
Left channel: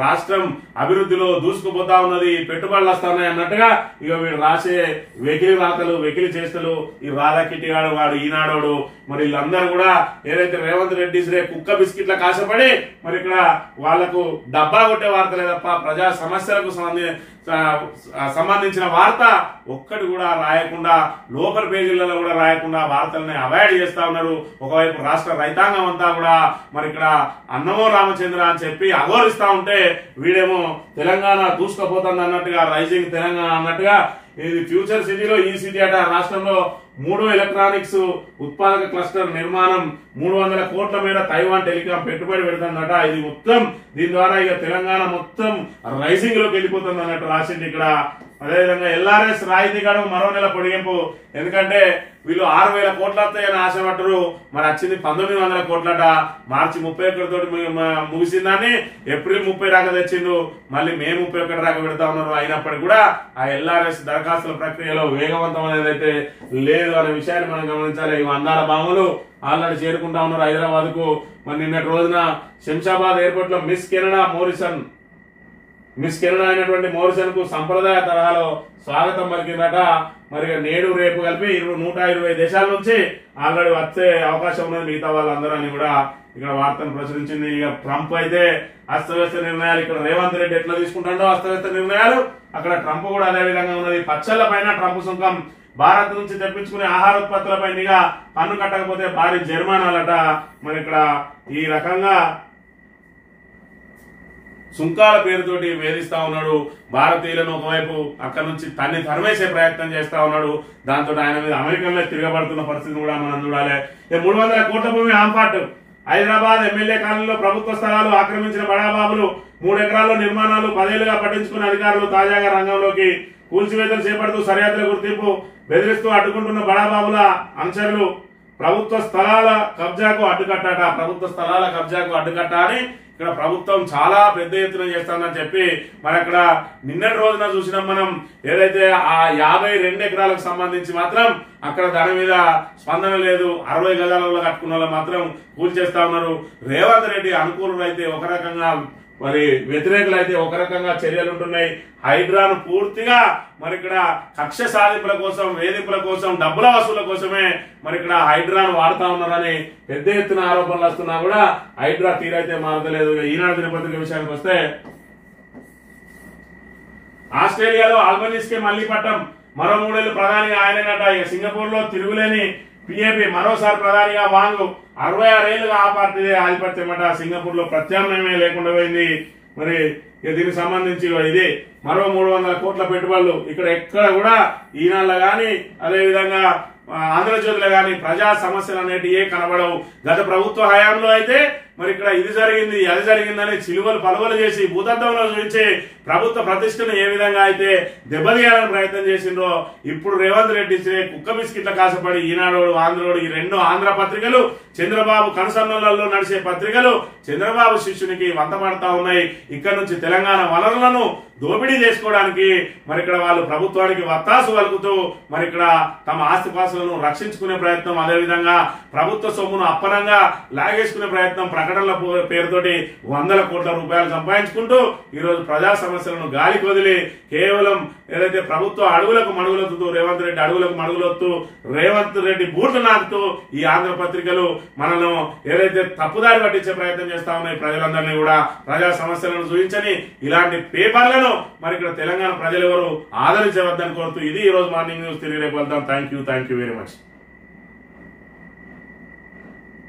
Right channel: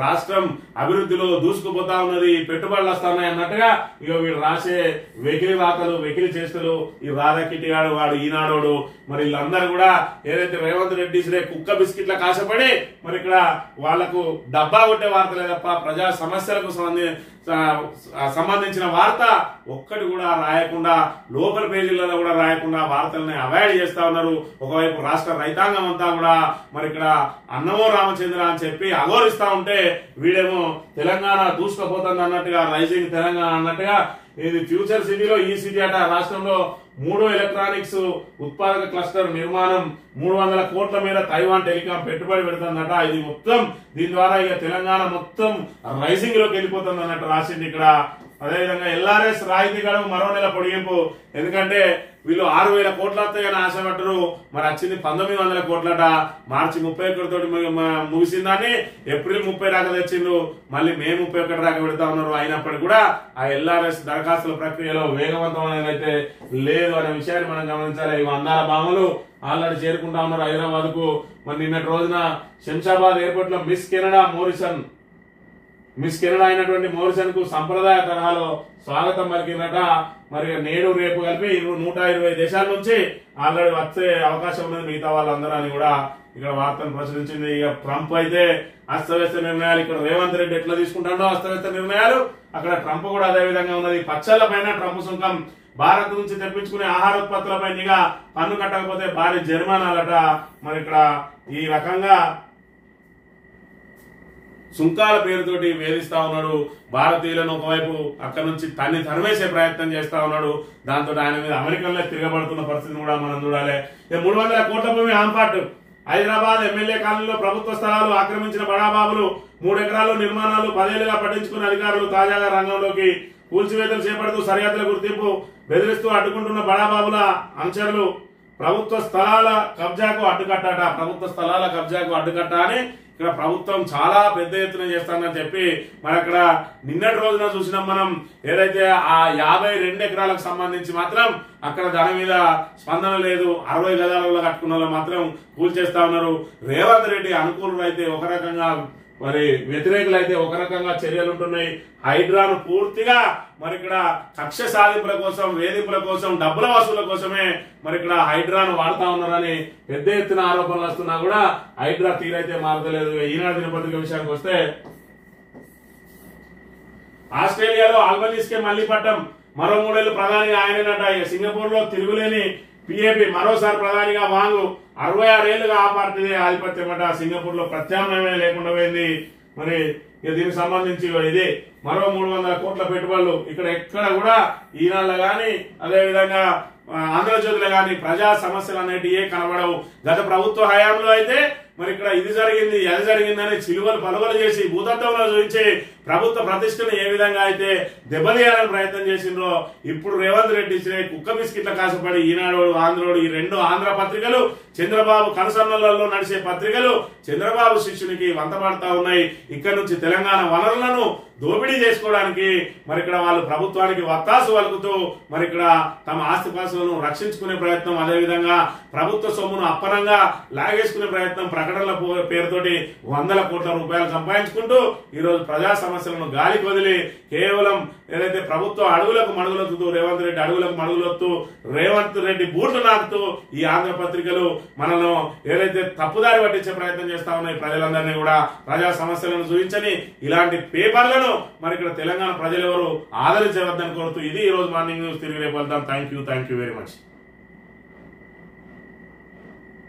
రాష్ట్రం అభివృద్ధిలో దూసుకుపోతా ఉన్నది, పెట్టుబడులు వస్తున్నాయి అన్నట్టుగా ఇక వీడు రాసే వెకిలి రాతలు వెకిలి చేస్తలు ఈ రాధాకిట్టిగాడు వాడు ఈనాడోడు మరి వీళ్ళందరూ కూడా ఏదైతే రేవంత్ రెడ్డి కుక్క బిస్కెట్ల కాశపడి మరి ఇక్కడ వాళ్లకు డబ్బా కొట్టే వార్తలే తప్ప ప్రజా సమస్యలకు సంబంధించిన వార్త ఒక్కటి కూడా రాయకుండా లోకల్ పేజీలలో కూడా రాయకుండా వార్తల్ని అవాయిడ్ చేస్తా ఉన్నారు. ఒకవైపు రాష్ట్ర రైతాంగం అంతా కూడా మరి ఇక్కడ అన్నమో రామచంద్ర అని చెప్పి అఘోరిస్తా ఉంటే వీడేమో తెలంగాణ దూసుకుపోతుంది అన్నట్టుగా రైజింగ్ తెలంగాణ అన్నట్టుగా ఇది ఫ్యూచర్ సిటీలో ఈ సిటీ అట రాష్ట్రంలో మూడో ఎలక్ట్రానిక్స్ ఉత్పాదక క్లస్టర్ నిర్మాణం 300 కోట్ల మేర తైవాన్ టెలికాం పెట్టుబడి పెడుతుందట. ఇది మొత్తం దీని ద్వారా ఇక తెలంగాణ మొత్తం రైజింగ్ లోకి వెళ్ళిపోతుంది అన్నట్టు రాసింది ఇక్కడ. అదేవిధంగా ఎల్ఆర్ఎస్ రాయితీ గడువు మరో నెల పొడిగింపు. ఎందుకంటే వీళ్ళు 6,000 కోట్లు వస్తాయని ఆశపట్టరు, మరి వచ్చింది 1,900 కోట్లట. మార్చి 31 తోటి ముగిసిందని ఏప్రిల్ 30 దాకా తెచ్చిండు, మళ్ళీ మే 31 దాకా పెడతా ఉన్నారు. అయినప్పటికీ కూడా ఆ ఎల్ఆర్ఎస్ దరఖాస్తుల ప్రక్రియలో వేగవంతం అనేది అయితే లేదు అనే విషయాన్ని మనం గమనించాలి. ఇవి అందాల బాములు ఆల్రెడీ చేరుకుంటా ఉన్నారు హైదరాబాద్ కు. మరి నిన్నటి రోజున శంషాబాద్ ఎయిర్పోర్ట్ లో మిస్ కెనడా అయినటువంటి మోరిసన్ కు సంప్రదాయ తరహాలో స్వాగతం పలికిందట. మరి నేడు రేపు కలిపి 120 దేశాల నుంచి ఆల్రెడీ వచ్చే అవకాశం ఉన్నది మిగతా వాళ్ళందరూ అని కూడా ఇక్కడ వార్తను ప్రచురించింది. ఇక ట్రంప్ అయితే అస్తవ్యస్త నిర్ణయాలు, ఇక్కడ రేవంత్ రెడ్డి ఎట్లా తీసుకుంటాడో అస్తవ్యస్త నిర్ణయాలు, అక్కడ ట్రంప్ కూడా అదే విధంగా ఉన్నది. పచ్చళ్ల పైన ట్రంప్ సుంకం, భారత్ నుంచి తెప్పించుకునే ఆహారోత్పత్తులపై నిఘా, పన్ను కట్టకపోతే భారీ జరిమానాలట. మరి ఇక్కడ ఈ రకంగా సుంకాల పేరుతోటి వేధిస్తా ఉన్నాడు భారతీయులను. ఒకవైపు అక్కడి నుంచి తన్ని తరిమేసే ప్రయత్నం చేస్తా ఉన్నాడు. దాంతో ఆయన మీద అమెరికాలో తిరగబడుతున్న పరిస్థితిని కూడా మనం చూడాలి. 300 కోట్ల భూమి ఆంపాట్, హైదరాబాద్ ఎమ్మెల్యే కాలనీలో ప్రభుత్వ స్థలాలు ఆక్రమించిన బడాబాబులు, 3 ఎకరాల్లో నిర్మాణాలు 10 ఏళ్లుగా పట్టించుకున్న అధికారులు తాజాగా రంగంలోకి. కూల్చివేతలు చేపడుతూ సరిహద్దుల గుర్తింపు బెదిరిస్తూ అడ్డుకుంటున్న బడాబాబుల అనుచరులు. ప్రభుత్వ స్థలాల కబ్జాకు అడ్డుకట్ట అని ఇక్కడ ప్రభుత్వం చాలా పెద్ద ఎత్తున చేస్తానని చెప్పి మరి అక్కడ నిన్నటి రోజున చూసినాం మనం. ఏదైతే ఆ 52 ఎకరాలకు సంబంధించి మాత్రం అక్కడ దాని మీద స్పందన లేదు. 60 గజాలలో కట్టుకున్న వాళ్ళు మాత్రం కూల్చేస్తా ఉన్నారు. రేవంత్ రెడ్డి అనుకూలులు అయితే ఒక రకంగా, మరి వ్యతిరేకులు అయితే ఒక రకంగా చర్యలు ఉంటున్నాయి. హైడ్రాను పూర్తిగా మరి ఇక్కడ కక్ష సాధింపుల కోసం, వేధింపుల కోసం, డబ్బుల వసూల కోసమే మరి ఇక్కడ హైడ్రాను వాడుతా ఉన్నారని పెద్ద ఎత్తున ఆరోపణలు వస్తున్నా కూడా హైడ్రా తీరైతే మారదలేదు. ఈనాడు దినపత్రిక విషయానికి వస్తే, ఆస్ట్రేలియాలో ఆల్బనీస్ కే మళ్లీ పట్టం, మరో 3 ఏళ్లు ప్రధానిగా ఆయననట. ఇక సింగపూర్ లో తిరుగులేని పిఏపి మరోసారి ప్రధానిగా వాంగు. 66 ఏళ్లుగా ఆ పార్టీదే ఆధిపత్యం అట. సింగపూర్ లో ప్రత్యామ్నాయమే లేకుండా పోయింది. మరి దీనికి సంబంధించి ఇది మరో 300 కోట్ల పెట్టుబడులు. ఇక్కడ ఎక్కడ కూడా ఈనాడులో గాని అదేవిధంగా ఆంధ్రజ్యోతిలో గాని ప్రజా సమస్యలు అనేటివి కనబడవు. గత ప్రభుత్వ హయాంలో అయితే మరి ఇక్కడ ఇది జరిగింది అది జరిగిందని చిలువలు పలువలు చేసి భూతత్వంలో చూపించి ప్రభుత్వ ప్రతిష్టను ఏ విధంగా అయితే దెబ్బతీయాలని ప్రయత్నం చేసిండ్రో, ఇప్పుడు రేవంత్ రెడ్డి ఇచ్చే కుక్క బిస్కెట్ల కాసపడి ఈనాడు ఆంధ్రోడు, ఈ 2 ఆంధ్ర పత్రికలు చంద్రబాబు కనుసన్నలలో నడిచే పత్రికలు చంద్రబాబు శిష్యునికి వంతపడతా ఉన్నాయి. ఇక్కడ నుంచి తెలంగాణ వనరులను దోపిడీ చేసుకోవడానికి మరి ఇక్కడ వాళ్ళు ప్రభుత్వానికి వత్తాసు వలుకుతూ మరి ఇక్కడ తమ ఆస్తిపాస్తులను రక్షించుకునే ప్రయత్నం, అదేవిధంగా ప్రభుత్వ సొమ్మును అప్పనంగా లాగేసుకునే ప్రయత్నం, ప్రకటనల పేరుతోటి 100 కోట్ల రూపాయలు సంపాదించుకుంటూ ఈ రోజు ప్రజా సమస్యలను గాలికి వదిలి కేవలం ఏదైతే ప్రభుత్వ అడుగులకు మడుగులొత్తుతూ రేవంత్ రెడ్డి అడుగులకు మడుగులొత్తు రేవంత్ రెడ్డి బూట్లు నాకుతూ ఈ ఆంధ్ర పత్రికలు మనను ఏదైతే తప్పుదారి పట్టించే ప్రయత్నం చేస్తా ఉన్నాయి. ప్రజలందరినీ కూడా ప్రజా సమస్యలను చూపించని ఇలాంటి పేపర్లను మరి ఇక్కడ తెలంగాణ ప్రజలు ఎవరు ఆదరించవద్దని కోరుతూ ఇది ఈ రోజు మార్నింగ్ న్యూస్. తిరిగి రేపు వెళ్తాం. Thank you very much.